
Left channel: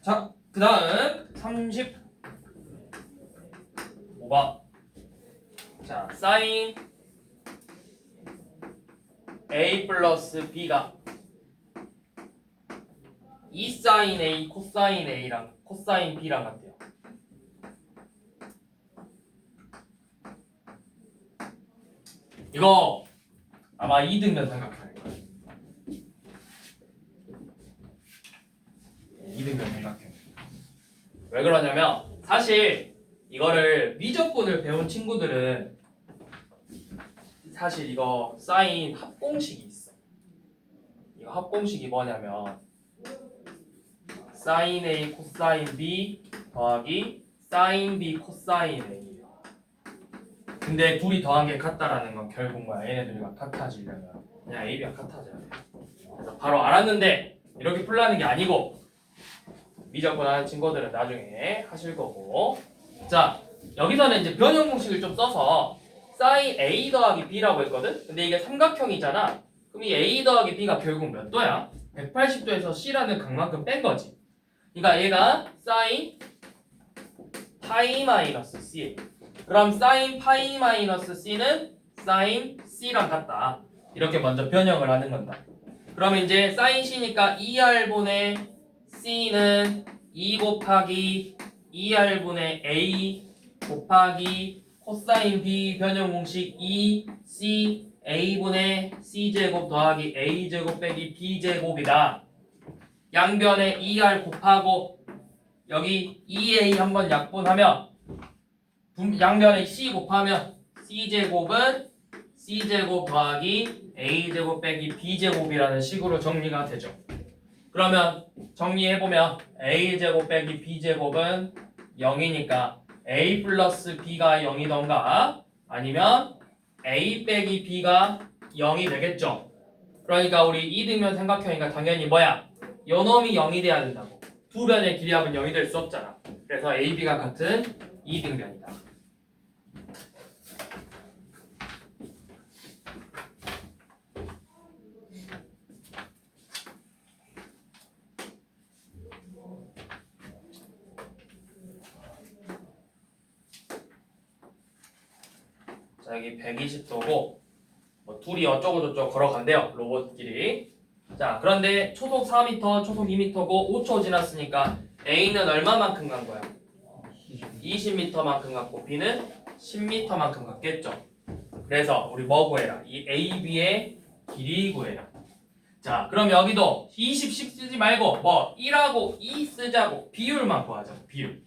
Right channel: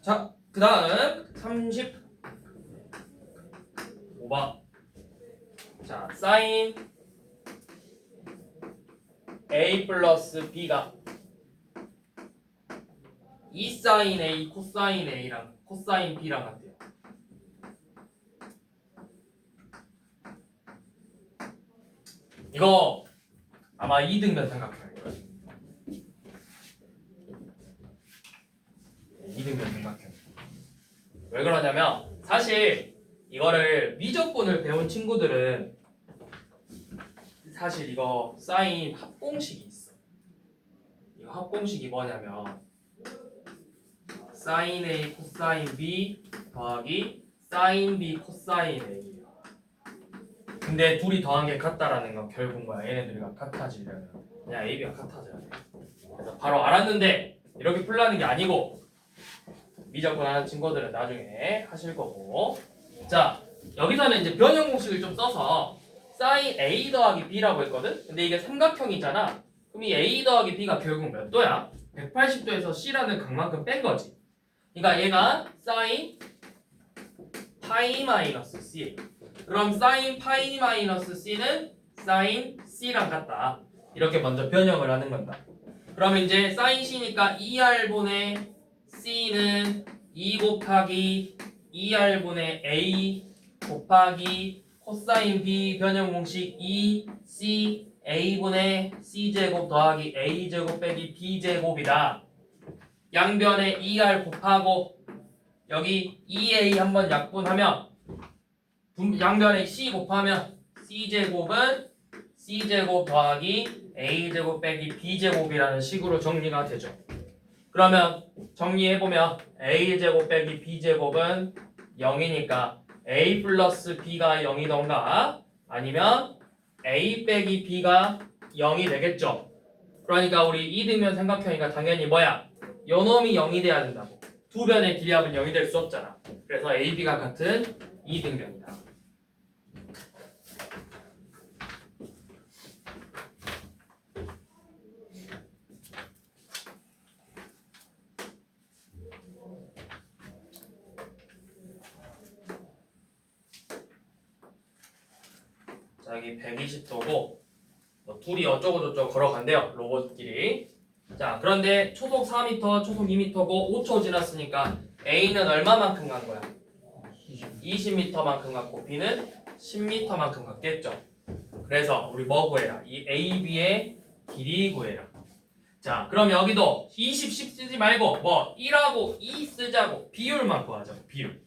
자, 그 다음 35번. 자, 사인 A 플러스 B가 2사인 A, 코사인 A랑 코사인 B랑 같대요. 이거 아마 2등변 생각해야 될 거예요. 2등변 생각해요. 왜 그러냐면 사실 이거를 미적분을 배운 친구들은 사실 이거 사인 합공식이 있어. 이거 합공식이 뭐냐면 사인 A 코사인 B 더하기 사인 B 코사인 A예요. 근데 둘이 더한 게 같다라는 건 결국 뭐야? 얘네들이 같아지려면 그냥 A, B가 같아져야 돼. 그래서 바로 알았는데 이렇게 풀라는 게 아니고 미적분 하는 친구들은 나중에 하실 거고. 자, 여기서는 이제 변형 공식을 좀 써서 사인 A 더하기 B라고 했거든? 근데 이게 삼각형이잖아. 그럼 이 A 더하기 B가 결국 몇 도야? 180도에서 C라는 각만큼 뺀 거지. 그러니까 얘가 사인 파이 마이너스 C. 그럼 사인 파이 마이너스 C는 사인 C랑 같다. 이렇게 먼저 변형을 하는 건다. 그러면 이제 사인 C니까 2R분의 C는 2 곱하기 2R분의 A 곱하기 코사인 B 변형 공식 2C A분의 C제곱 더하기 A제곱 빼기 B제곱이다. 양변에 2R 곱하고 여기 2A 한번 약분하면 양변에 C 곱하면 C제곱은 C제곱 더하기 A제곱 빼기 B제곱이라는 식으로 정리가 되죠. 그러면 정리해보면 A제곱 빼기 B제곱은 0이니까 A 플러스 B가 0이던가 아니면 A 빼기 B가 0이 되겠죠. 그러니까 우리 2등변 삼각형이니까 당연히 뭐야? 요놈이 0이 돼야 된다고. 두 변의 길이합은 0이 될 수 없잖아. 그래서 A, B가 같은 2등변이다. 자, 여기 120도고 뭐 둘이 어쩌고저쩌고 걸어간대요. 로봇끼리. 자, 그런데 초속 4m, 초속 2m고 5초 지났으니까 A는 얼마만큼 간 거야? 20m만큼 갔고 B는 10m만큼 갔겠죠. 그래서 우리 뭐 구해라? 이 A, B의 길이 구해라. 자, 그럼 여기도 20, 10 쓰지 말고 뭐 1하고 2 쓰자고 비율만 구하자. 비율.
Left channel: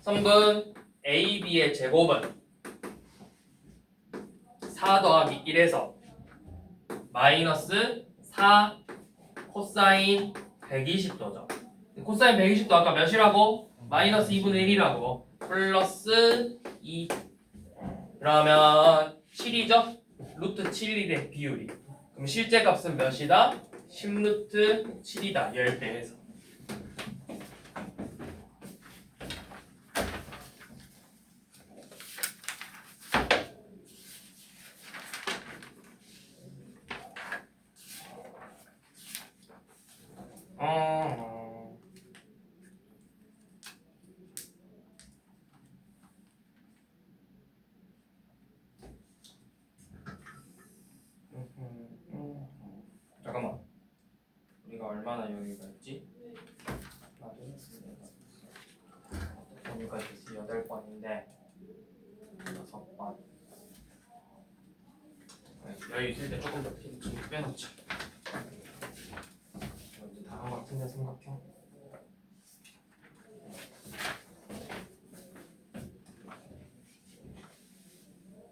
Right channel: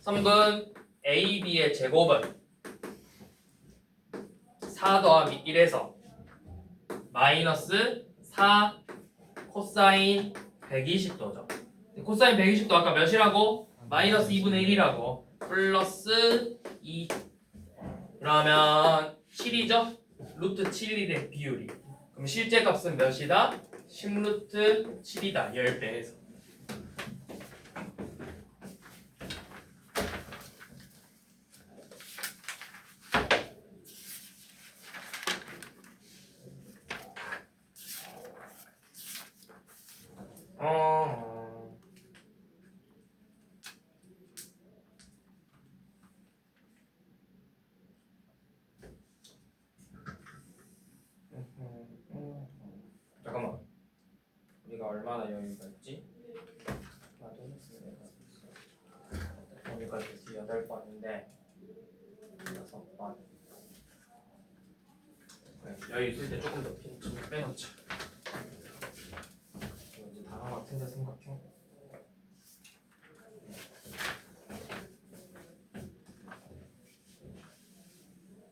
성분 A, B의 제곱은 4 더하기 1에서 마이너스 4 코사인 120도죠. 코사인 120도 아까 몇이라고? 마이너스 2분의 1이라고. 플러스 2. 그러면 7이죠? 루트 7이래 비율이. 그럼 실제 값은 몇이다? 10루트 7이다. 10배에서. 얼마나 여유가 있지? 하나 둘 셋 넷 다섯 여기까지 8번인데 6번 여유 있을 때 조금 더 좀 빼놓자. 이제 다음 같은데 삼각형.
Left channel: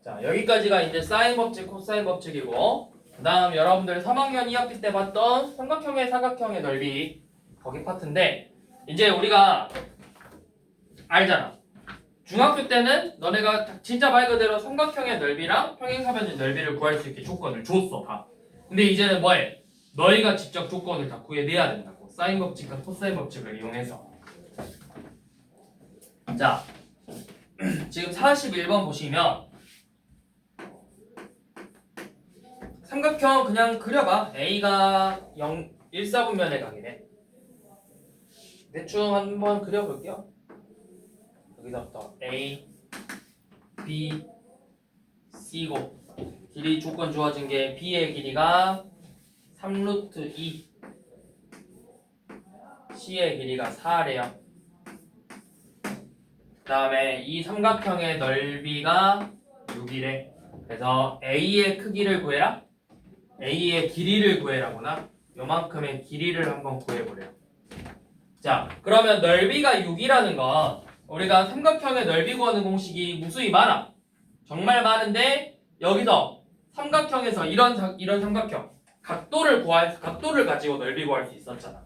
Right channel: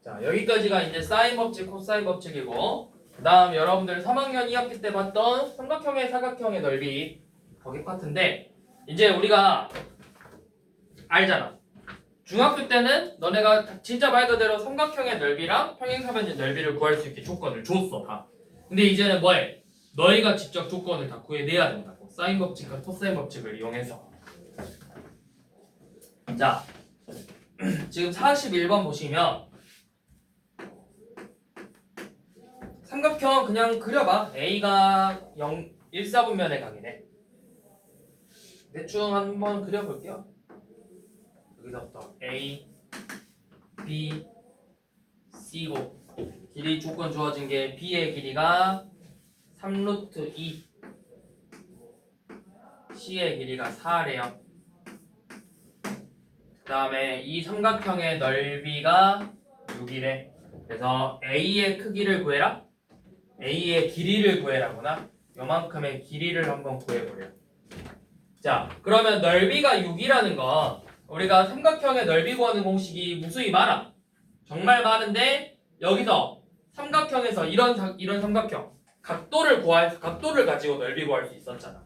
자 여기까지가 이제 사인 법칙, 코사인 법칙이고 그 다음 여러분들 3학년 2학기 때 봤던 삼각형의 사각형의 넓이 거기 파트인데 이제 우리가 알잖아. 중학교 때는 너네가 진짜 말 그대로 삼각형의 넓이랑 평행사변의 넓이를 구할 수 있게 조건을 줬어 다. 근데 이제는 뭐해? 너희가 직접 조건을 다 구해내야 된다고. 사인 법칙과 코사인 법칙을 이용해서. 자 지금 41번 보시면 삼각형 그냥 그려봐. A가 1, 4분면에 가긴 해. 대충 한번 그려볼게요. 여기서부터 A, B, C고 길이 조건 주어진 게 B의 길이가 3루트 2 C의 길이가 4래요. 그 다음에 이 삼각형의 넓이가 6이래. 그래서 A의 크기를 구해라. A의 길이를 구해라구나. 요만큼의 길이를 한번 구해보래요. 자 그러면 넓이가 6이라는 건 우리가 삼각형의 넓이 구하는 공식이 무수히 많아. 정말 많은데 여기서 삼각형에서 이런 삼각형 각도를 가지고 넓이 구할 수 있었잖아.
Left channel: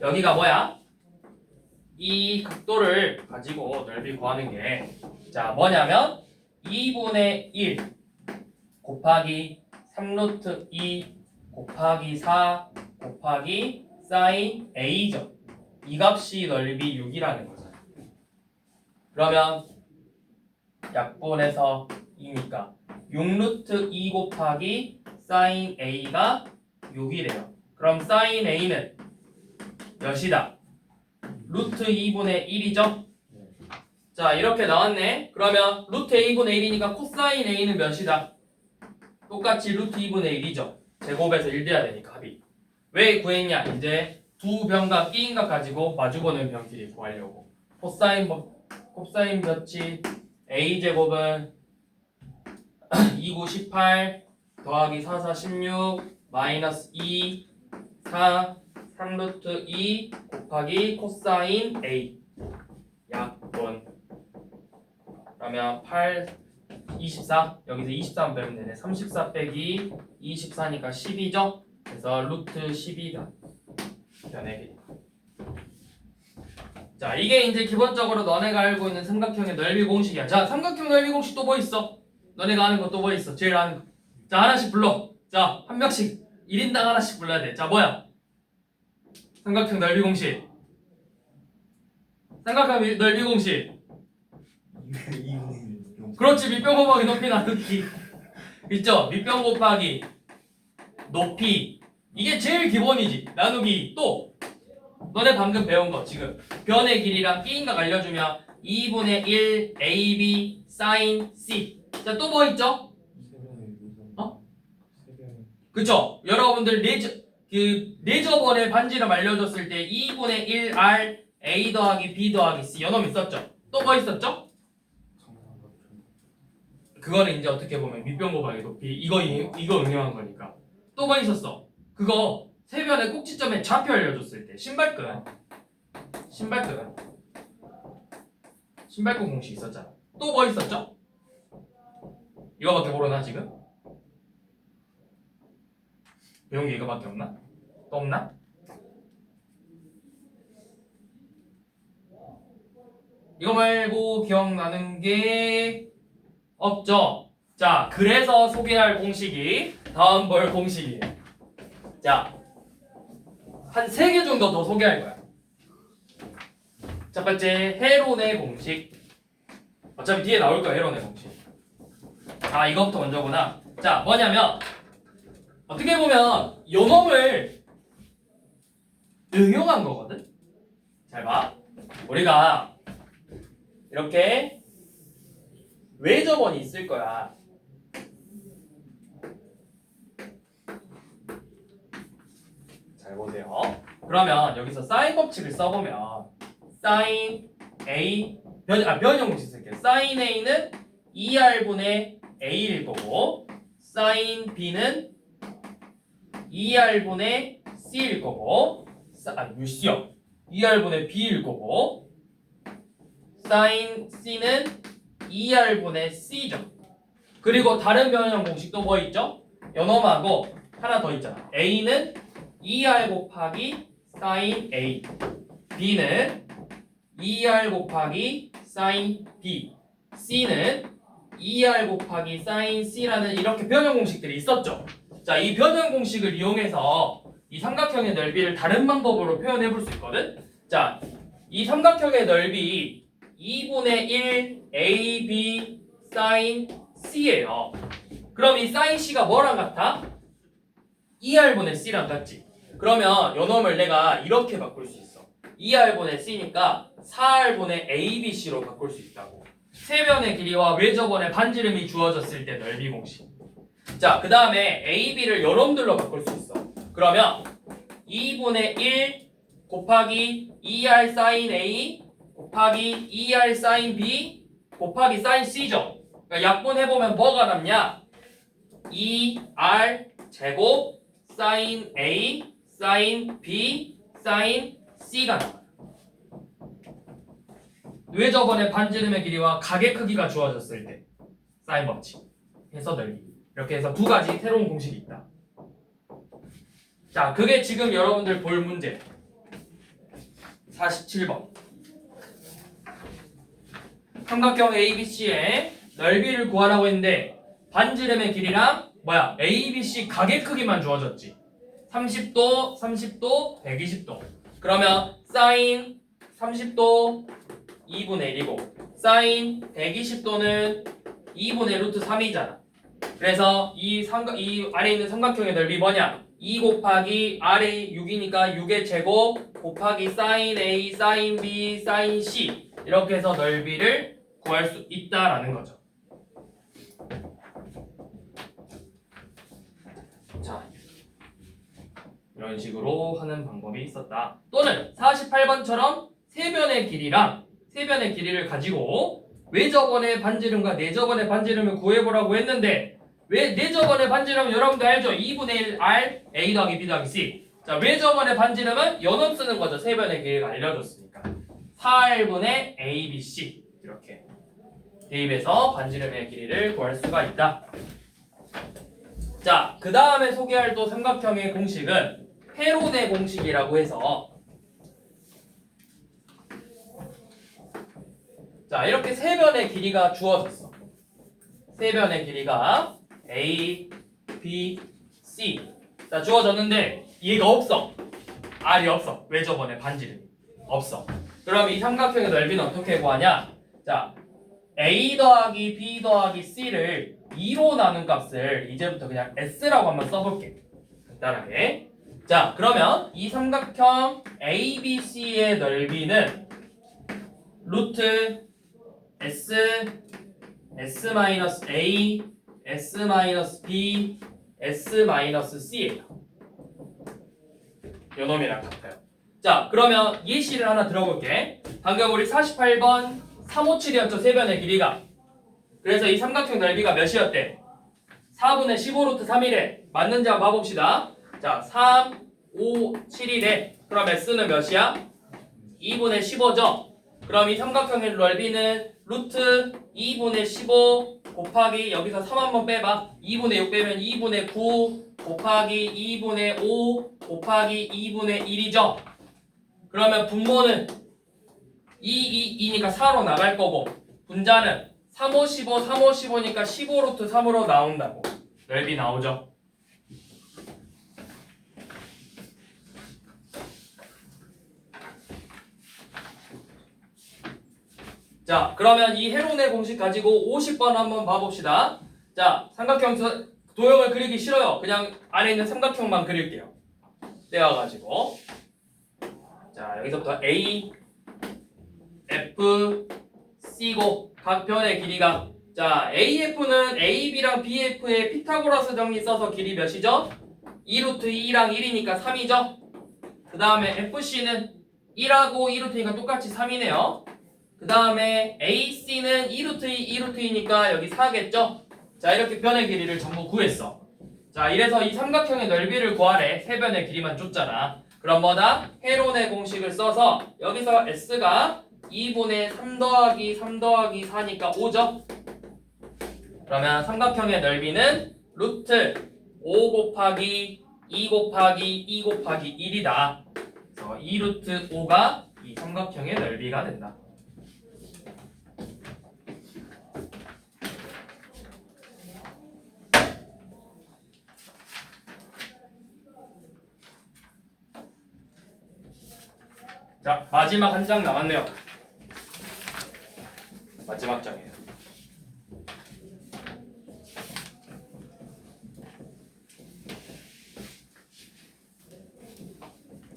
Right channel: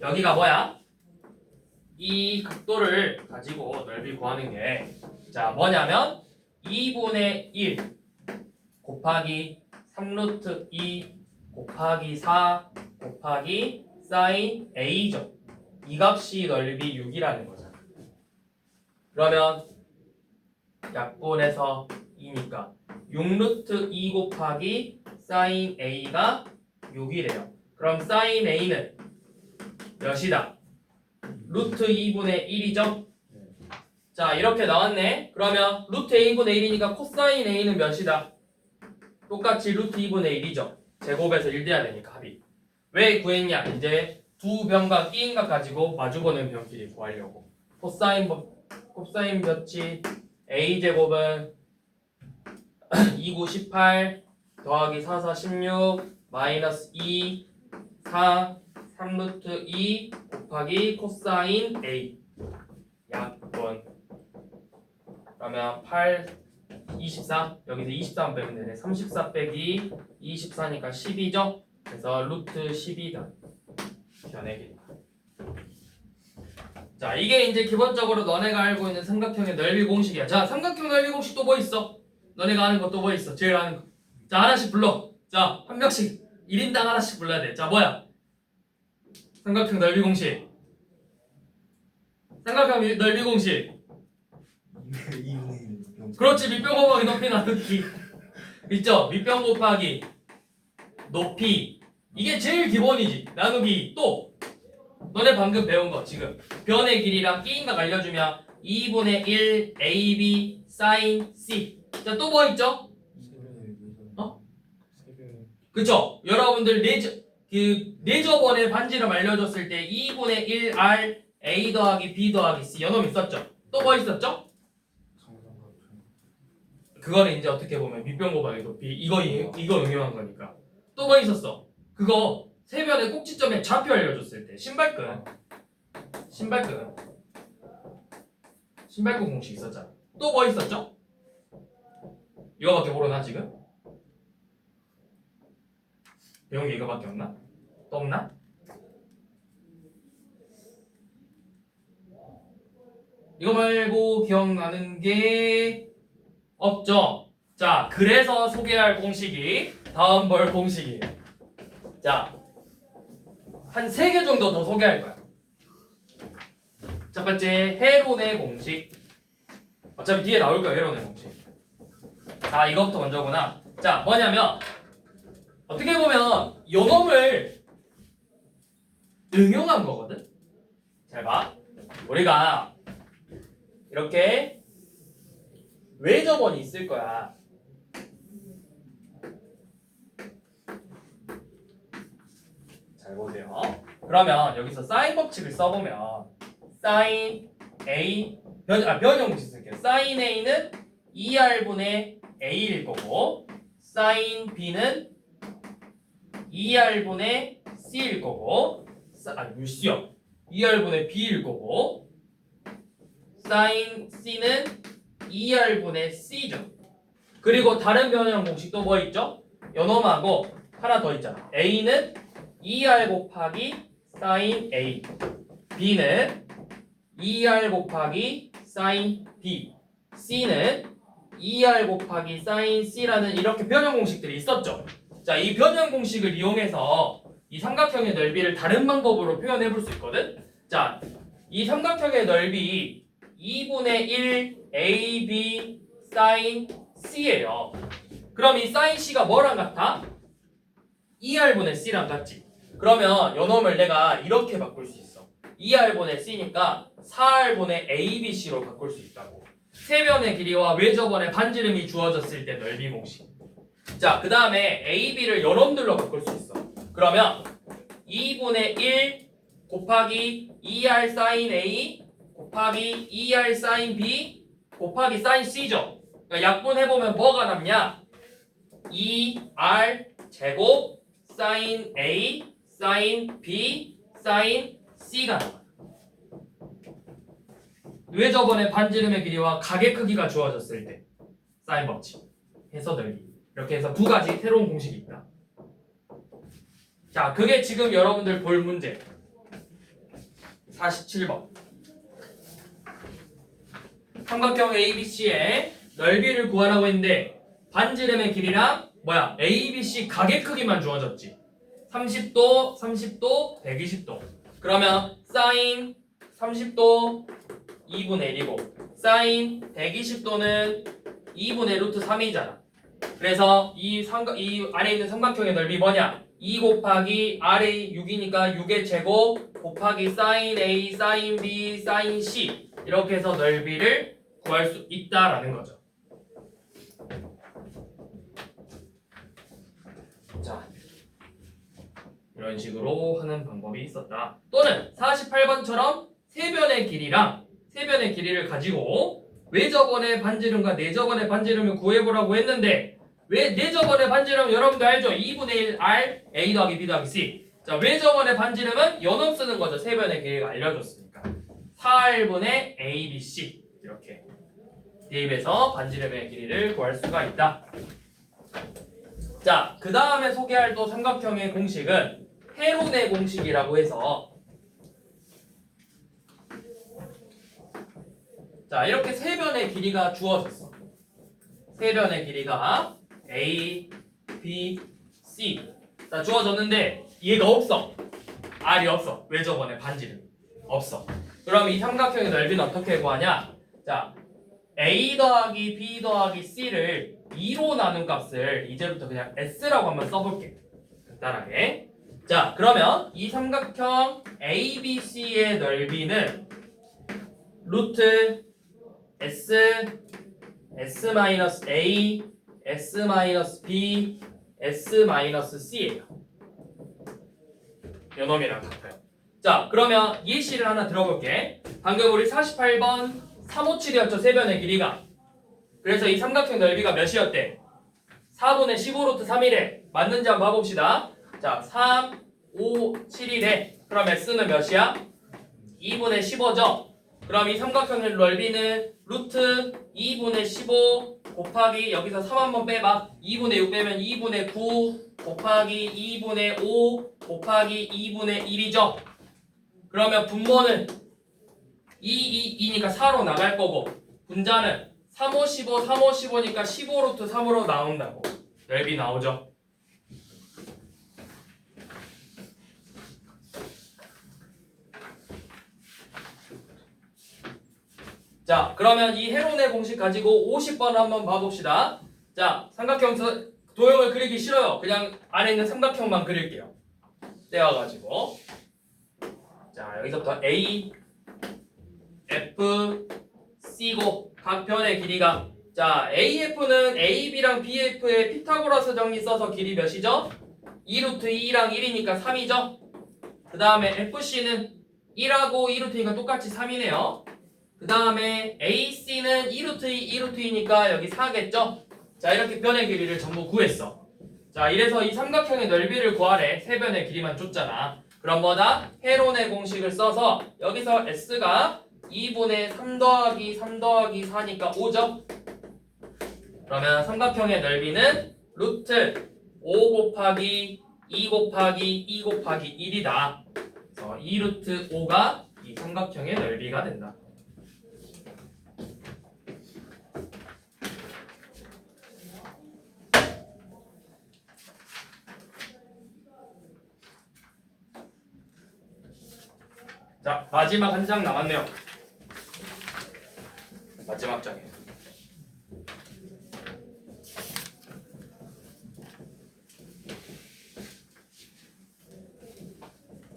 여기가 뭐야? 이 각도를 가지고 넓이 구하는 게 자 뭐냐면 2분의 1 곱하기 3루트 2 곱하기 4 곱하기 사인 A죠. 이 값이 넓이 6이라는 거잖아. 그러면 약분해서 2니까 6루트 2 곱하기 사인 A가 6이래요. 그럼 사인 A는 몇이다? 루트 2분의 1이죠? 자 이렇게 나왔네. 그러면 루트 A분의 1이니까 코사인 A는 몇이다? 똑같이 루트 2분의 1이죠. 제곱에서 1 돼야 되니까 합이. 왜 구했냐? 이제 두 변과 끼인각 가지고 마주보는 변 길이 구하려고. 코사인 법칙 A제곱은 2, 9, 18 더하기 4, 4, 16 마이너스 2, 4, 3루트 2 곱하기 코사인 A 약분. 그러면 8, 24 여기서 23 빼면 되네. 34 빼기 24니까 12죠. 그래서 루트 12가 변의 길이다. 자 이게 이제 기본적으로 너네가 알고 있는 삼각형의 넓이 공식이야. 자 삼각형 넓이 공식 또 뭐 있어? 너네가 아는 거 또 뭐 있어? 제일 아는 거. 자 하나씩 불러. 자 한 명씩 1인당 하나씩 불러야 돼. 자 뭐야? 삼각형 넓이 공식. 삼각형 넓이 공식. 그렇지. 밑변 곱하기 높이 나누기. 있죠? 밑변 곱하기 높이. 이게 제일 기본이지. 나누기. 또 너네 방금 배운 거 지금 변의 길이랑 끼인각 알려주면 2분의 1 AB sin C. 자 또 뭐 있죠? 어? 그쵸? 여러분들 네저번에 반지름 알려줬을 때 2분의 1 R A 더하기 B 더하기 C 요놈 있었죠? 또 뭐 있었죠? 그거는 이제 어떻게 보면 밑변 곱하기 높이 이거 응용한 거니까. 또 뭐 있었어? 그거 세변의 꼭지점에 좌표 알려줬을 때 신발끈 공식 있었잖아. 또 뭐 있었죠? 이거밖에 모르나 지금? 배운 게 이거밖에 없나? 또 없나? 이거 말고 기억나는 게 없죠? 자 그래서 소개할 공식이 다음 볼 공식이에요. 자 한 3개 정도 더 소개할 거야. 첫 번째 헤론의 공식. 어차피 뒤에 나올 거야 헤론의 공식. 아 이것부터 먼저구나. 자 뭐냐면 어떻게 보면 요놈을 응용한 거거든. 잘 봐. 우리가 이렇게 외접원이 있을 거야. 잘 보세요. 그러면 여기서 사인 법칙을 써보면 사인 A 변형 공식 쓸게요. 사인 A는 2R분의 A일 거고 사인 B는 2R분의 C일 거고 물시요 2R분의 B일 거고 사인 C는 2R분의 C죠. 그리고 다른 변형 공식도 뭐 있죠? 요놈하고 하나 더 있잖아. A는 2R 곱하기 사인 A, B는 2R 곱하기 사인 B, C는 2R 곱하기 사인 C라는 이렇게 변형 공식들이 있었죠. 자, 이 변형 공식을 이용해서 이 삼각형의 넓이를 다른 방법으로 표현해 볼 수 있거든. 자, 이 삼각형의 넓이 2분의 1 AB 사인 C예요. 그럼 이 사인 C가 뭐랑 같아? 2R분의 C랑 같지. 그러면 요놈을 내가 이렇게 바꿀 수 있어. 2R분의 C니까 4R분의 ABC로 바꿀 수 있다고. 세변의 길이와 외접원의 반지름이 주어졌을 때 넓이 공식. 자, 그 다음에 AB를 요놈들로 바꿀 수 있어. 그러면 2분의 1 곱하기 2R 사인 A 곱하기 2R 사인 B 곱하기 사인 C죠. 그러니까 약분해보면 뭐가 남냐? 2R 제곱 사인 A 사인 B 사인 C가 나와요. 외접원의 반지름의 길이와 각의 크기가 주어졌을 때 사인 법칙 해서 넓이 이렇게 해서 두 가지 새로운 공식이 있다. 자, 그게 지금 여러분들 볼 문제 47번 삼각형 ABC의 넓이를 구하라고 했는데 반지름의 길이랑 ABC 각의 크기만 주어졌지. 30도, 30도, 120도. 그러면 사인 30도 2분의 1이고 사인 120도는 2분의 루트 3이잖아. 그래서 이 아래 있는 삼각형의 넓이 뭐냐? 2 곱하기 아래 6이니까 6의 제곱 곱하기 사인 A, 사인 B, 사인 C 이렇게 해서 넓이를 구할 수 있다라는 거죠. 자, 이런 식으로 하는 방법이 있었다. 또는 48번처럼 세변의 길이를 가지고 외접원의 반지름과 내접원의 반지름을 구해보라고 했는데 내접원의 반지름은 여러분들 알죠? 2분의 1 R A 더하기 B 더하기 C. 자, 외접원의 반지름은 요놈 쓰는 거죠. 세변의 길이가 알려줬으니까 4R분의 A, B, C 이렇게 대입해서 반지름의 길이를 구할 수가 있다. 자, 그 다음에 소개할 또 삼각형의 공식은 헤론의 공식이라고 해서 자, 이렇게 세 변의 길이가 주어졌어. 세 변의 길이가 A, B, C 자, 주어졌는데 얘가 없어. R이 없어. 외접원의 반지름이 없어. 그럼 이 삼각형의 넓이는 어떻게 구하냐? 자, A 더하기 B 더하기 C를 2로 나눈 값을 이제부터 그냥 S라고 한번 써볼게. 간단하게. 자, 그러면 이 삼각형 ABC의 넓이는 루트 S, S-A, S-B, S-C예요. 요놈이랑 같아요. 자, 그러면 예시를 하나 들어볼게. 방금 우리 48번 357이었죠, 세변의 길이가. 그래서 이 삼각형 넓이가 몇이었대? 4분의 15루트 3이래. 맞는지 한번 봐봅시다. 자, 3, 5, 7이래. 그럼 S는 몇이야? 2분의 15죠? 그럼 이 삼각형의 넓이는 루트 2분의 15 곱하기 여기서 3 한번 빼봐. 2분의 6 빼면 2분의 9 곱하기 2분의 5 곱하기 2분의 1이죠? 그러면 분모는 2니까 4로 나갈 거고 분자는 3, 5, 15, 3, 5, 15니까 15루트 3으로 나온다고. 넓이 나오죠? 자, 그러면 이 헤론의 공식 가지고 50번 한번 봐봅시다. 자, 삼각형 도형을 그리기 싫어요. 그냥 안에 있는 삼각형만 그릴게요. 떼어가지고. 자, 여기서부터 A, F, C고 각 변의 길이가 자, AF는 AB랑 BF의 피타고라스 정리 써서 길이 몇이죠? 2루트 2랑 1이니까 3이죠? 그 그 다음에 FC는 1하고 2루트니까 똑같이 3이네요. 그 다음에 AC는 2루트 2루트이니까 여기 4겠죠? 자, 이렇게 변의 길이를 전부 구했어. 자, 이래서 이 삼각형의 넓이를 구하래. 세 변의 길이만 줬잖아. 그럼 뭐다? 헤론의 공식을 써서 여기서 S가 2분의 3 더하기 3 더하기 4니까 5죠? 그러면 삼각형의 넓이는 루트 5 곱하기 2 곱하기 2 곱하기 1이다. 그래서 2 루트 5가 이 삼각형의 넓이가 된다. 자, 마지막 한 장 남았네요. 마지막 장이에요.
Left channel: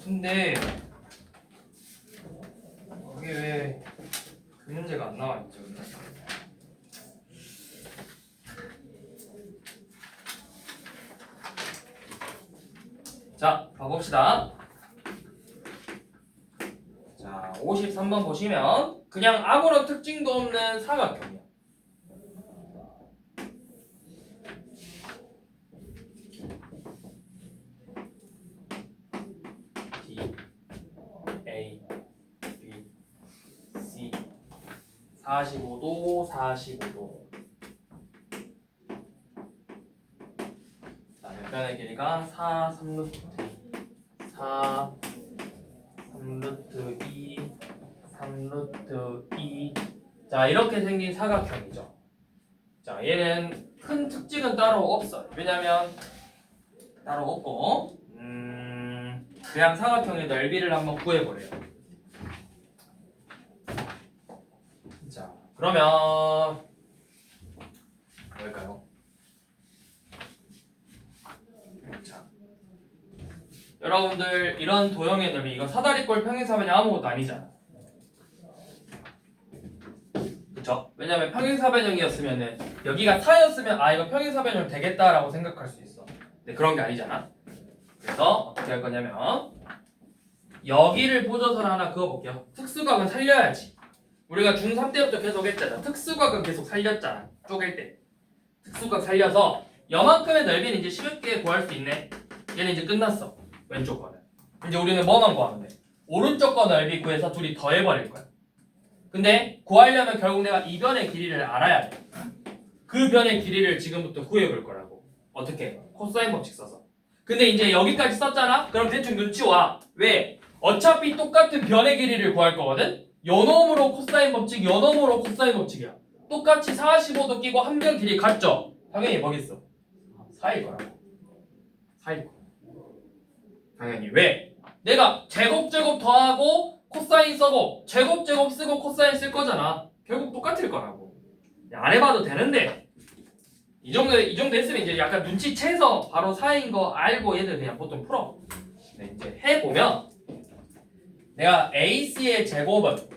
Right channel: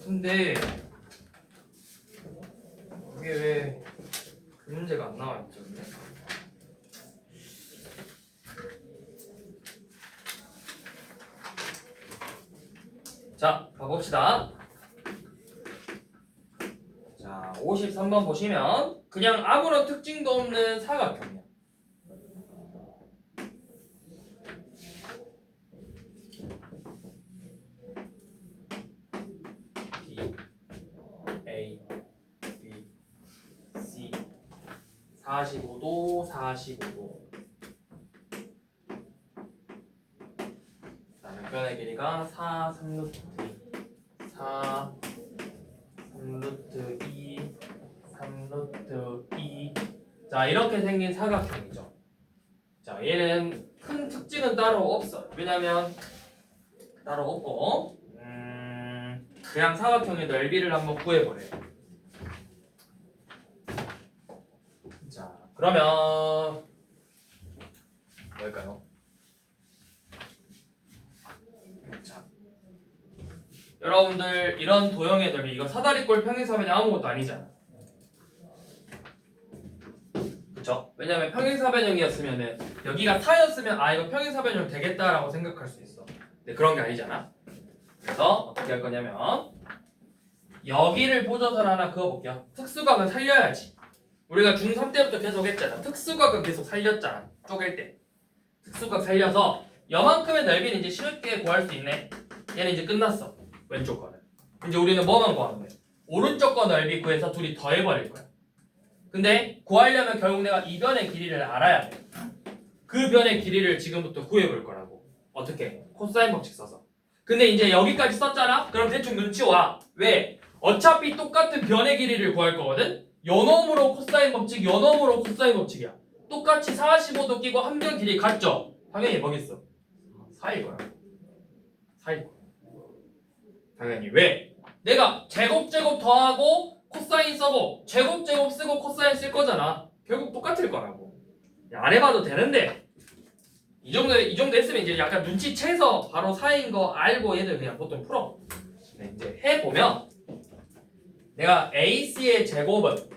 근데 이게 왜 그 문제가 안 나와 있죠? 근데? 자, 봐봅시다. 자, 53번 보시면 그냥 아무런 특징도 없는 사각형이야. D, A, B, C 45도, 45도. 자, 변의 길이가 4, 3루트 4, 3루트 2, 3루트 2. 자, 이렇게 생긴 사각형이죠. 자, 얘는 큰 특징은 따로 없어. 왜냐면 따로 없고, 그냥 사각형의 넓이를 한번 구해보래요. 자, 그러면 뭘까요? 자, 여러분들 이런 도형의 넓이, 이거 사다리꼴 평행사변이 아무것도 아니잖아. 그쵸? 왜냐면 평행사변형이었으면은 여기가 4였으면 아 이거 평행사변형 되겠다라고 생각할 수 있어. 근데 그런 게 아니잖아. 그래서 어떻게 할 거냐면 여기를 보조선 하나 그어볼게요. 특수각은 살려야지. 우리가 중3 때부터 계속 했잖아. 특수각은 계속 살렸잖아. 쪼갤 때. 특수각 살려서 요만큼의 넓이는 이제 쉽게 구할 수 있네. 얘는 이제 끝났어. 왼쪽 거는. 이제 우리는 뭐만 구하면 돼? 오른쪽 거 넓이 구해서 둘이 더해버릴 거야. 근데 구하려면 결국 내가 이 변의 길이를 알아야 돼. 그 변의 길이를 지금부터 구해볼 거라고. 어떻게? 코사인 법칙 써서. 근데 이제 여기까지 썼잖아? 그럼 대충 눈치 와. 왜? 어차피 똑같은 변의 길이를 구할 거거든? 요놈으로 코사인 법칙, 요놈으로 코사인 법칙이야. 똑같이 45도 끼고 한 변 길이 같죠? 당연히 뭐겠어? 4일 거라고. 4일 거. 당연히. 왜? 내가 제곱 더하고 코사인 써고 제곱 쓰고 코사인 쓸 거잖아. 결국 똑같을 거라고. 안 해봐도 되는데 이 정도 했으면 이제 약간 눈치채서 바로 4인 거 알고 얘들 그냥 보통 풀어. 네, 이제 해보면 내가 AC의 제곱은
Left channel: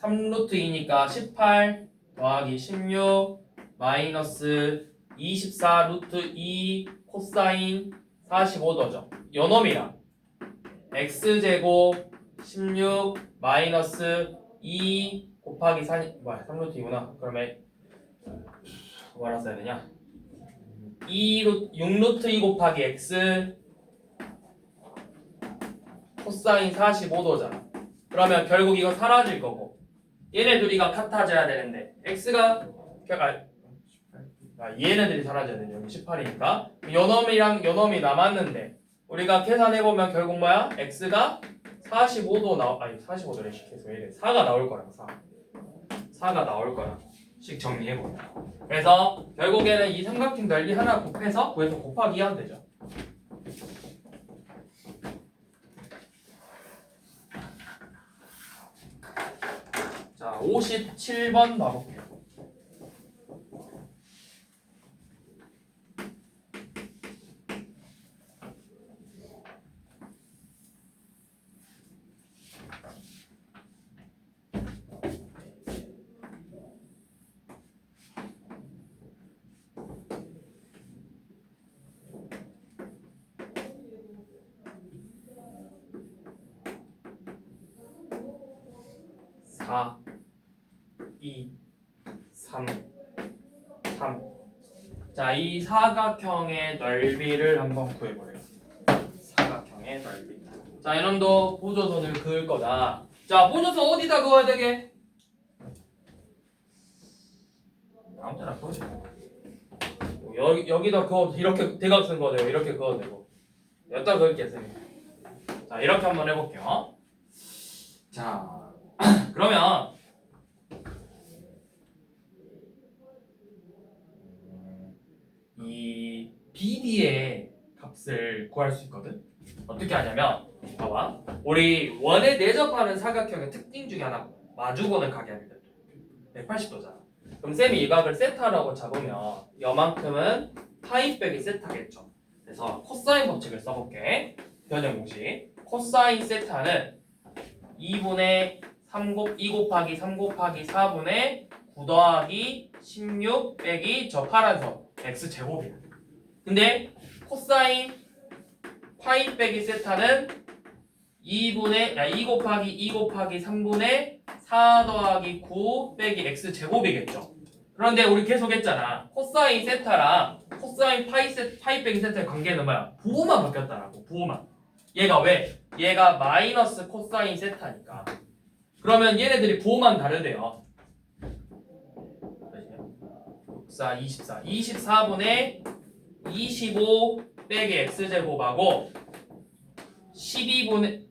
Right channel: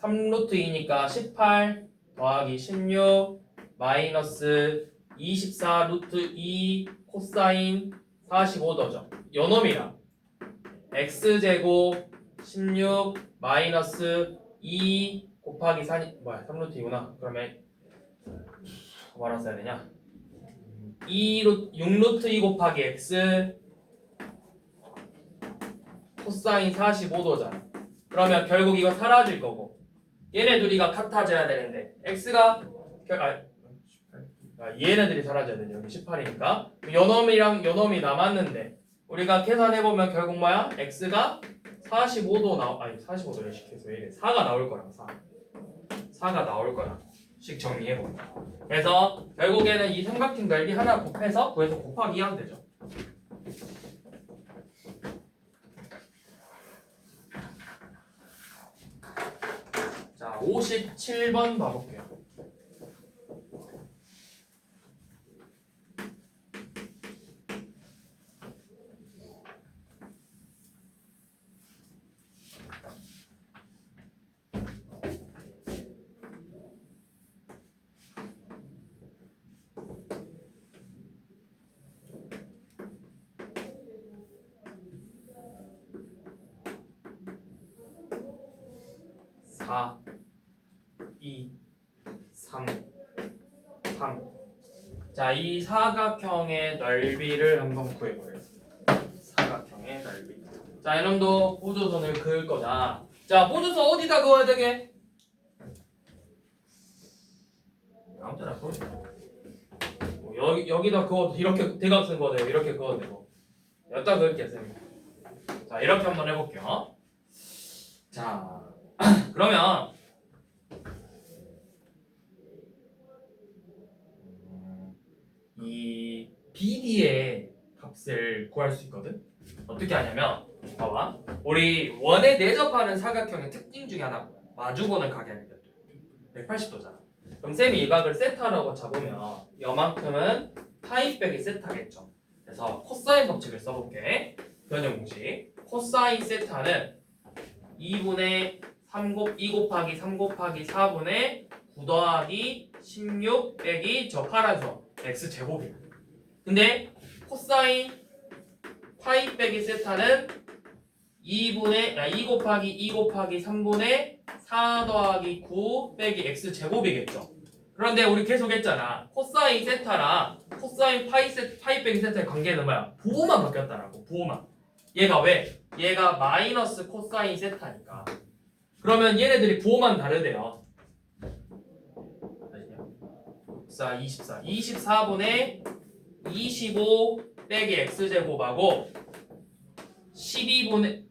3루트 2니까 18 더하기 16 마이너스 24 루트 2 코사인 45도죠. 요놈이랑 x제곱 16 마이너스 2 곱하기 4 뭐야 3루트 2구나. 그러면 뭐라 써야 되냐? 6루트 2 곱하기 x 코사인 45도잖아. 그러면 결국 이거 사라질 거고 얘네 둘이가 같아져야 되는데 x가 얘네들이 사라져야 되죠. 여기 18이니까 요놈이랑 요놈이 남았는데 우리가 계산해보면 결국 뭐야? x가 45도 아니 45도를 계속 이래 4가 나올 거라고 4가 나올 거라 식 정리해보면. 그래서 결국에는 이 삼각형 넓이 하나 곱해서 구해서 곱하기 하면 되죠. 자, 57번 봐볼게요. 4, 2, 3, 3. 자, 이 사각형의 넓이를 한번 구해보래요. 사각형의 넓이. 자, 이놈도 보조선을 그을 거다. 자, 보조선 어디다 그어야 되게? 아무 때나 그어도 되고. 여기다 그어도 이렇게 대각선 그어도 되고 이렇게 그어도 되고. 여기다 그을게요, 선생님. 자, 이렇게 한번 해볼게요. 자, 그러면 이 BD의 값을 구할 수 있거든. 어떻게 하냐면 봐봐. 우리 원에 내접하는 사각형의 특징 중에 하나 마주보는 각이거든. 180도잖아. 그럼 쌤이 이 각을 세타라고 잡으면 이만큼은 파이 빼기 세타겠죠. 그래서 코사인 법칙을 써볼게. 변형 공식. 코사인 세타는 2분의 2 곱하기 3 곱하기 4분의 9 더하기 16 빼기 저 파란선 x제곱이야. 근데 코사인 파이 빼기 세타는 2 곱하기 2 곱하기 3분의 4 더하기 9 빼기 x제곱이겠죠. 그런데 우리 계속 했잖아. 코사인 세타랑 코사인 파이 빼기 세타의 관계는 뭐야? 부호만 바뀌었다라고. 부호만. 얘가 왜? 얘가 마이너스 코사인 세타니까. 그러면 얘네들이 부호만 다르대요. 24분의 25 빼기 x제곱하고 12분의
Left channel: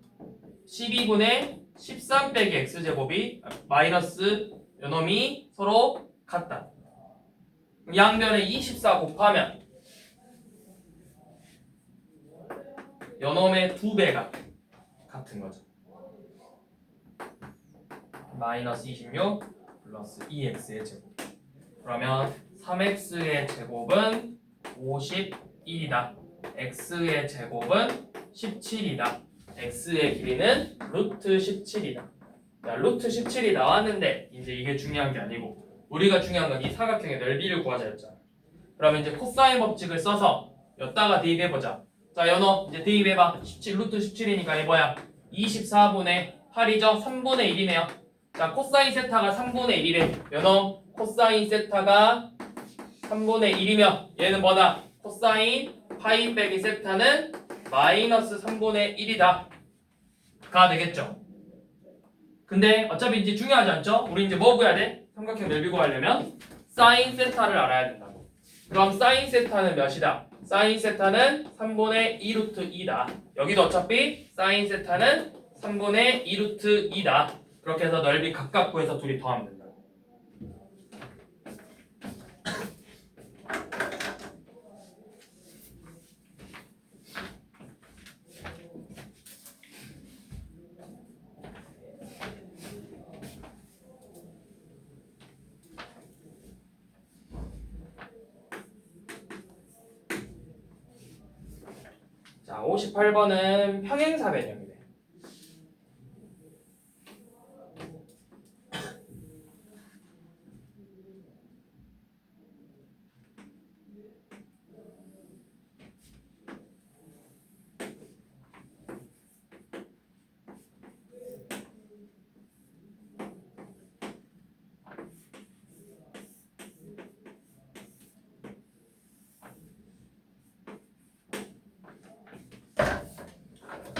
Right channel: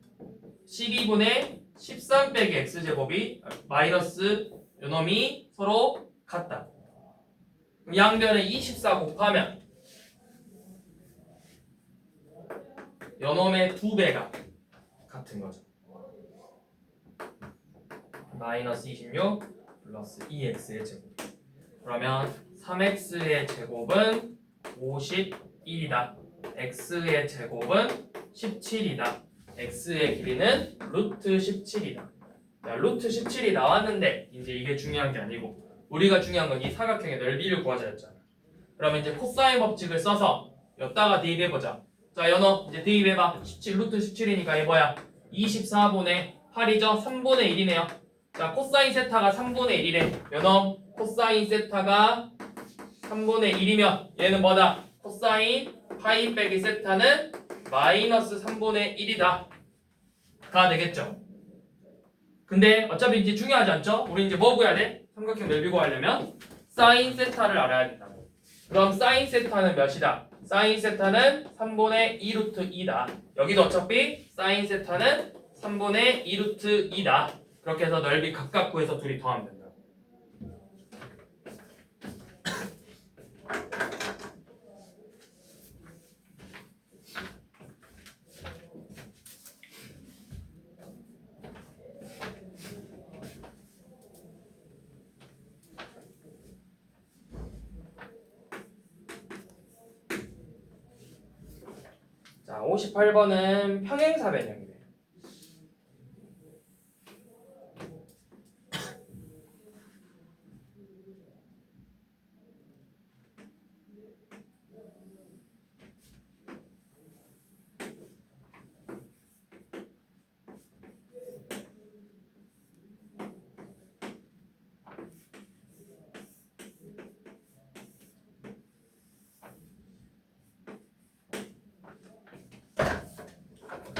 13 빼기 x제곱이 마이너스 요놈이 서로 같다. 양변에 24 곱하면 요놈의 2배가 같은 거죠. 마이너스 26 플러스 2x의 제곱. 그러면 3x의 제곱은 51이다. x의 제곱은 17이다. x의 길이는 루트 17이다. 야, 루트 17이 나왔는데 이제 이게 중요한 게 아니고 우리가 중요한 건 이 사각형의 넓이를 구하자였잖아. 그러면 이제 코사인 법칙을 써서 여기다가 대입해보자. 자, 연어 이제 대입해봐. 17 루트 17이니까 얘 뭐야? 24분의 8이죠? 3분의 1이네요. 자, 코사인 세타가 3분의 1이래. 연어 코사인 세타가 3분의 1이면 얘는 뭐다? 코사인 파이 빼기 세타는 마이너스 3분의 1이다 가 되겠죠. 근데 어차피 이제 중요하지 않죠? 우리 이제 뭐 구해야 돼? 삼각형 넓이 구하려면 사인 세타를 알아야 된다고. 그럼 사인 세타는 몇이다? 사인 세타는 3분의 2 루트 2다. 여기도 어차피 사인 세타는 3분의 2 루트 2다. 그렇게 해서 넓이 각각 구해서 둘이 더하면 된다. 자, 58번은 평행사 변형이래.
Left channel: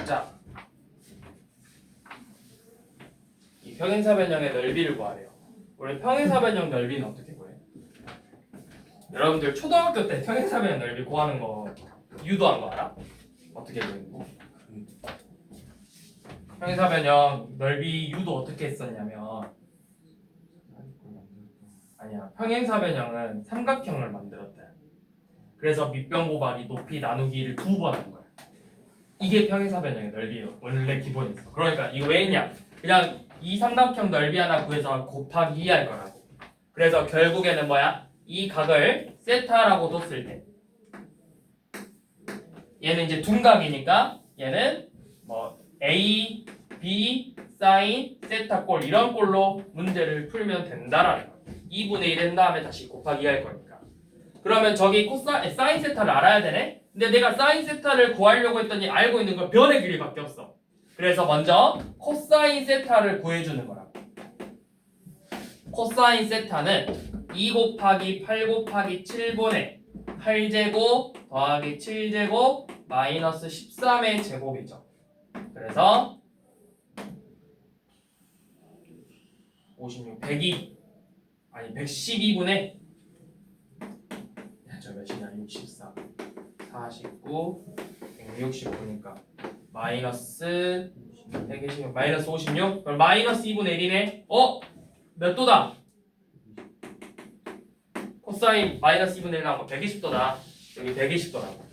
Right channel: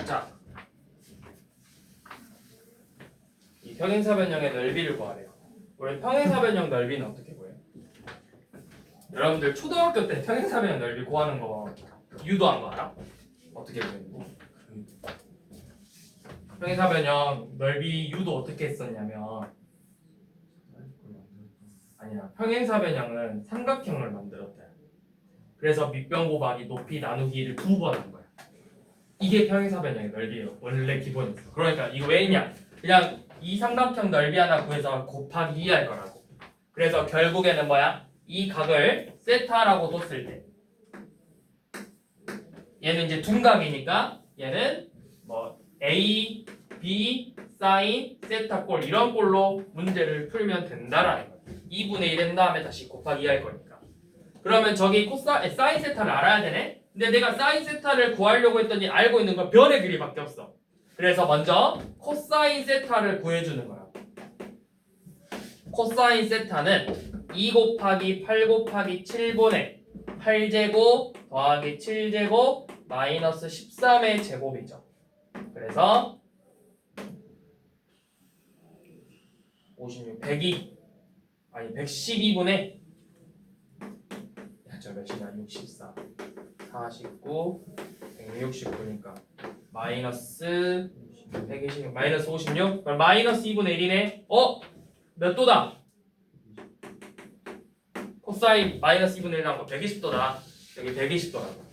자, 이 평행사 변형의 넓이를 구하래요. 우리 평행사 변형 넓이는 어떻게 구해? 여러분들 초등학교 때 평행사 변형 넓이 구하는 거 유도한 거 알아? 어떻게 구했는지? 평행사 변형 넓이 유도 어떻게 했었냐면 아니야. 평행사 변형은 삼각형을 만들었대. 그래서 밑변 곱하기 높이 나누기를 2번 한 거야. 이게 평행사 변형의 넓이에요. 원래 기본이었어. 그러니까 이거 왜 있냐? 그냥 이 삼각형 넓이 하나 구해서 곱하기 2 할 거라고. 그래서 결국에는 뭐야? 이 각을 세타라고 뒀을 때 얘는 이제 둔각이니까 얘는 뭐 A, B, 사인, 세타 꼴 이런 꼴로 문제를 풀면 된다라는 거야. 2분의 1 한 다음에 다시 곱하기 2 할 거니까. 그러면 저기 사인 세타를 알아야 되네? 근데 내가 사인 세타를 구하려고 했더니 알고 있는 건 변의 길이밖에 없어. 그래서 먼저 코사인 세타를 구해주는 거야. 코사인 세타는 2 곱하기 8 곱하기 7분의 8제곱 더하기 7제곱 마이너스 13의 제곱이죠. 그래서 56, 102 아니 112분의 저 몇이냐 64 49 169니까 마이너스 126 마이너스 56 그럼 마이너스 2분의 1이네. 몇 도다? 코사인 마이너스 2분의 1 나온 거 120도다. 여기 120도라고.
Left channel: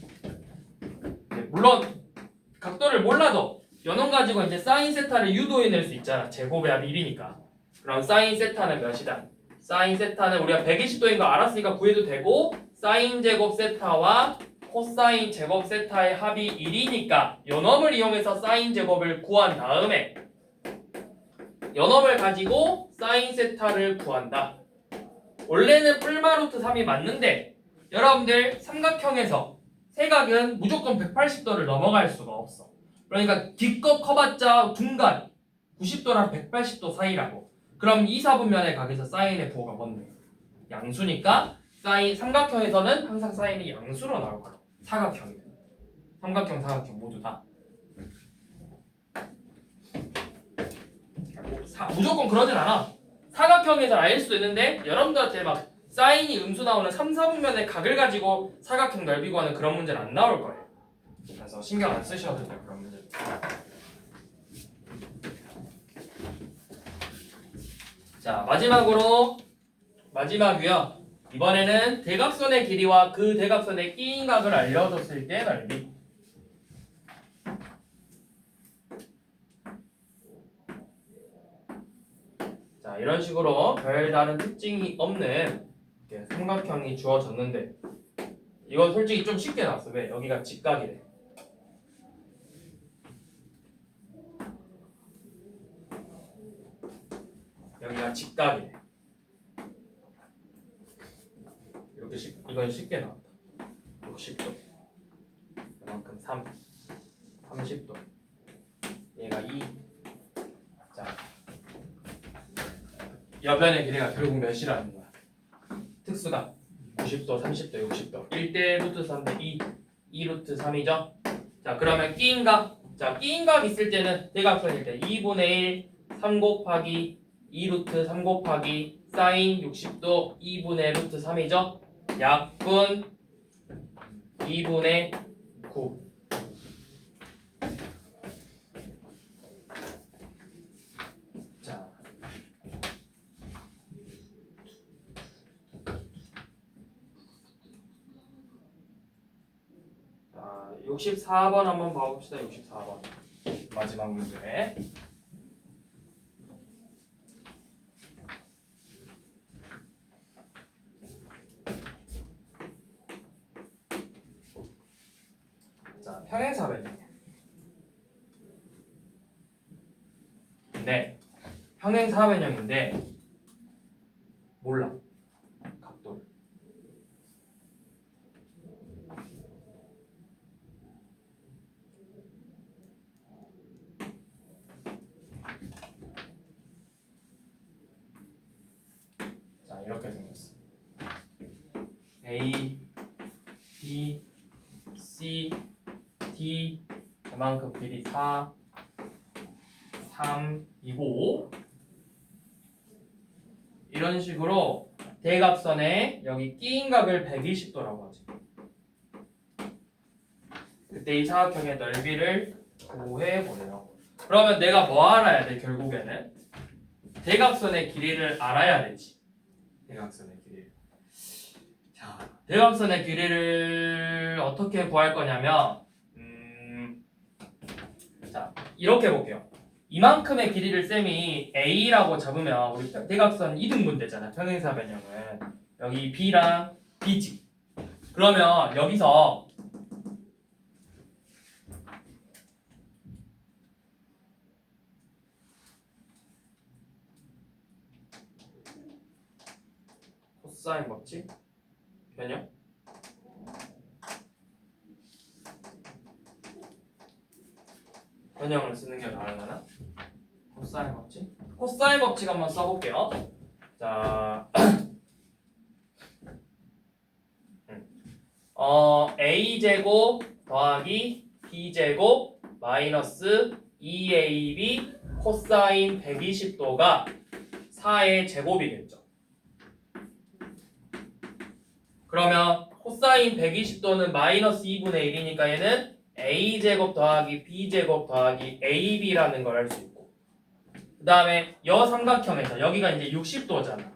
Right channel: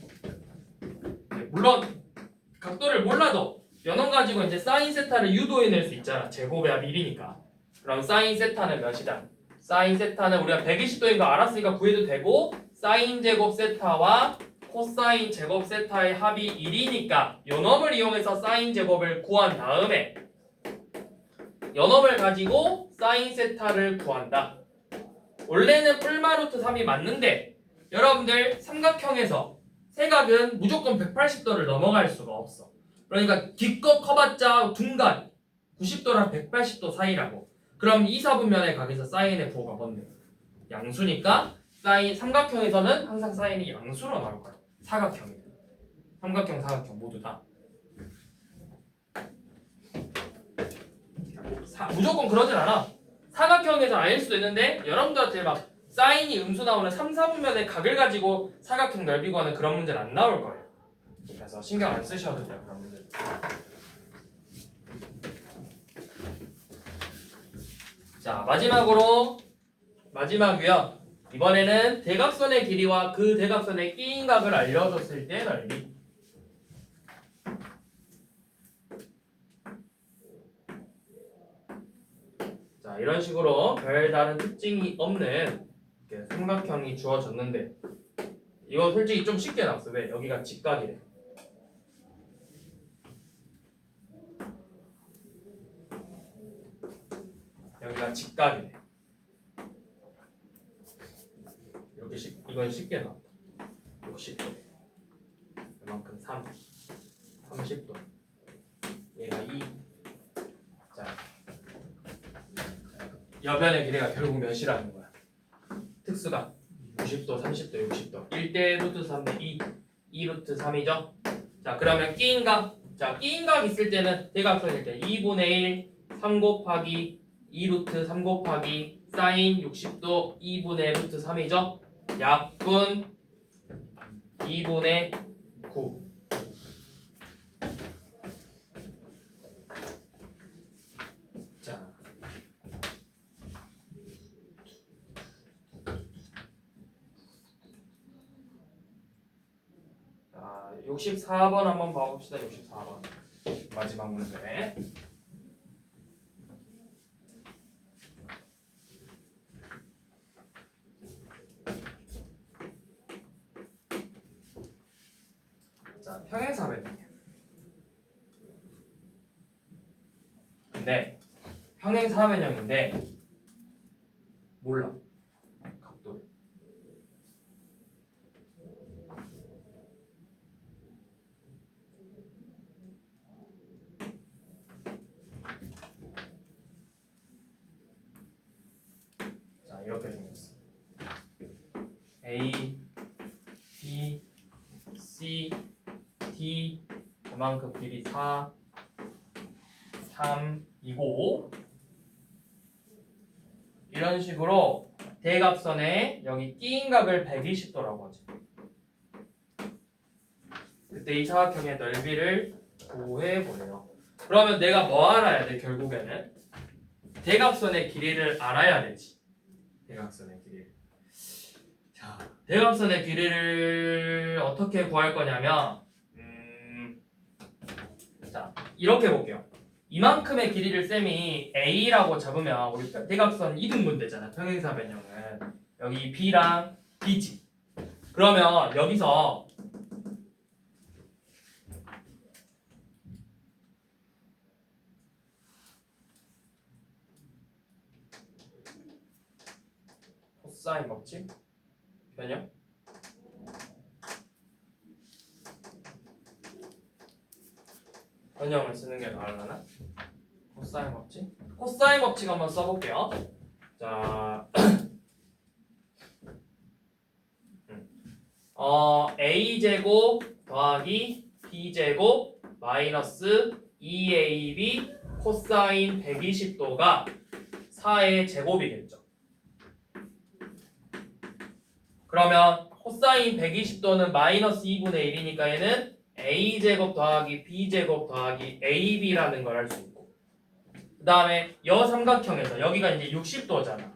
물론 각도를 몰라도 연원 가지고 이제 사인 세타를 유도해낼 수 있잖아. 제곱의 합이 1이니까. 그럼 사인 세타는 몇이다? 사인 세타는 우리가 120도인 거 알았으니까 구해도 되고 사인 제곱 세타와 코사인 제곱 세타의 합이 1이니까 연엄을 이용해서 사인 제곱을 구한 다음에 연엄을 가지고 사인 세타를 구한다. 원래는 풀마루트 3이 맞는데 여러분들 삼각형에서 세각은 무조건 180도를 넘어갈 수가 없어. 그러니까 기껏 커봤자 중간 90도랑 180도 사이라고. 그럼 이 사분면의 각에서 사인의 부호가 뭔데? 양수니까 사인 삼각형에서는 항상 사인이 양수로 나올 거야. 사각형이 삼각형 사각형 모두 다 무조건 그러진 않아. 사각형에서 아닐 수도 있는데 여러분들한테 막 사인이 음수 나오는 3, 4분면의 각을 가지고 사각형 넓이 구하는 그런 문제는 안 나올 거예요. 그래서 신경 안 쓰셔도 돼요. 그런 문제. 자 마지막이요. 이번에는 대각선의 길이와 그 대각선의 끼인 각을 알려줬을 때 넓이. 자 이런 식으로 별다른 특징이 없는 삼각형이 주어졌는데 이건 솔직히 좀 쉽게 나왔어. 왜? 여기가 직각이래. 여기가 직각이래. 이렇게 이건 쉽게 나왔다. 60도 이만큼 3 30도 얘가 2. 자 여변의 길이가 결국 몇이라는 거야? 특수가 90도, 30도, 60도 1대 루트 3대 2 루트 3이죠. 자 그러면 끼인각. 자 끼인각 있을 때는 대각선일 때 2분의 1 3 곱하기 2 루트 3 곱하기 사인 60도 2분의 루트 3이죠. 약분 2분의 9. 자 64번 한번 봐봅시다. 64번 마지막 문제. 자 평행사변형. 근데 평행사변형인데 몰라 각도를. 자 이렇게 생겼어. A, B, C, D 그만큼 길이 4, 3이고 이런 식으로 대각선에 여기 끼인각을 120도라고 하지. 그때 이 사각형의 넓이를 구해보래요. 그러면 내가 뭐 알아야 돼? 결국에는 대각선의 길이를 알아야 되지. 대각선의 길이를. 자, 대각선의 길이를 어떻게 구할 거냐면 자 이렇게 볼게요. 이만큼의 길이를 쌤이 A라고 잡으면 우리 대각선 이등분 되잖아. 평행사변형은 여기 B랑 B지. 그러면 여기서 코사인 법칙 변형 변형을 쓰는 게 나을라나? 코사인 법칙? 코사인 법칙 한번 써볼게요. 자, a제곱 더하기 b제곱 마이너스 2ab 코사인 120도가 4의 제곱이겠죠. 그러면 코사인 120도는 마이너스 2분의 1이니까 얘는 a제곱 더하기 b제곱 더하기 ab라는 걸 할 수 있고, 그 다음에 여삼각형에서 여기가 이제 60도잖아.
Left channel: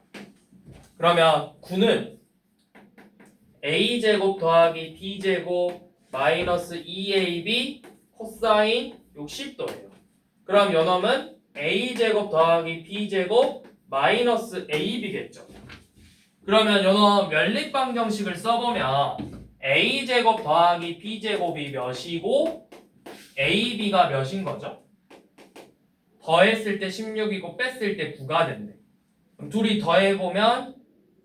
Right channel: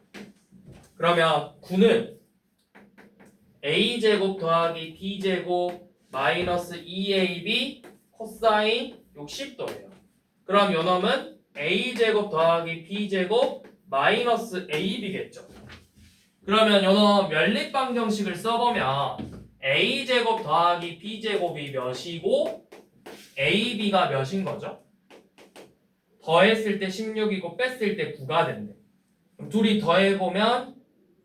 그러면 9는 a제곱 더하기 b제곱 마이너스 2ab 코사인 60도예요. 그럼 요놈은 a제곱 더하기 b제곱 마이너스 ab겠죠. 그러면 요놈 연립방정식을 써보면 a제곱 더하기 b제곱이 몇이고 ab가 몇인 거죠? 더했을 때 16이고 뺐을 때 9가 된대. 그럼 둘이 더해보면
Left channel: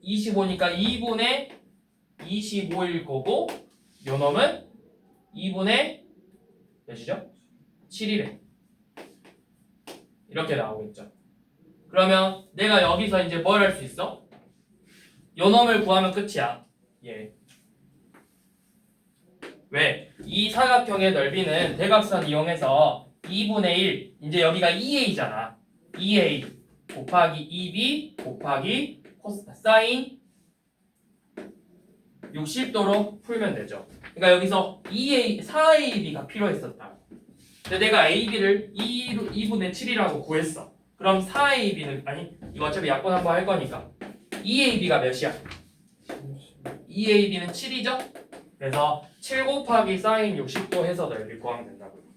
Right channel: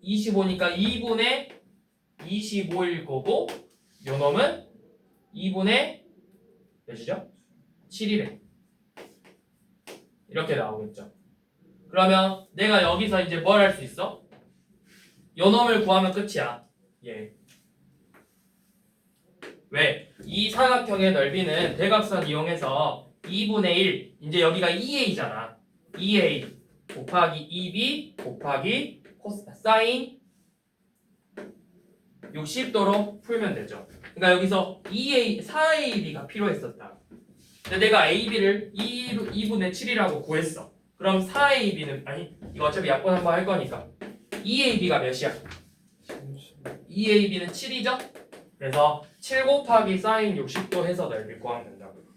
25니까 2분의 25일 거고, 요놈은 2분의 몇이죠? 7이래. 이렇게 나오겠죠. 그러면 내가 여기서 이제 뭘 할 수 있어? 요놈을 구하면 끝이야. 예. 왜? 이 사각형의 넓이는 대각선 이용해서 2분의 1, 이제 여기가 2a잖아. 2a 곱하기 2b 곱하기 사인 60도로 풀면 되죠. 그러니까 여기서 4ab가 필요했었다. 근데 내가 ab를 2분의 7이라고 구했어. 그럼 4ab는 아니 이거 어차피 약분 한번 할 거니까 2ab가 몇이야? 2ab는 7이죠? 그래서 7 곱하기 사인 60도 해서 넓이 구하면 된다고요.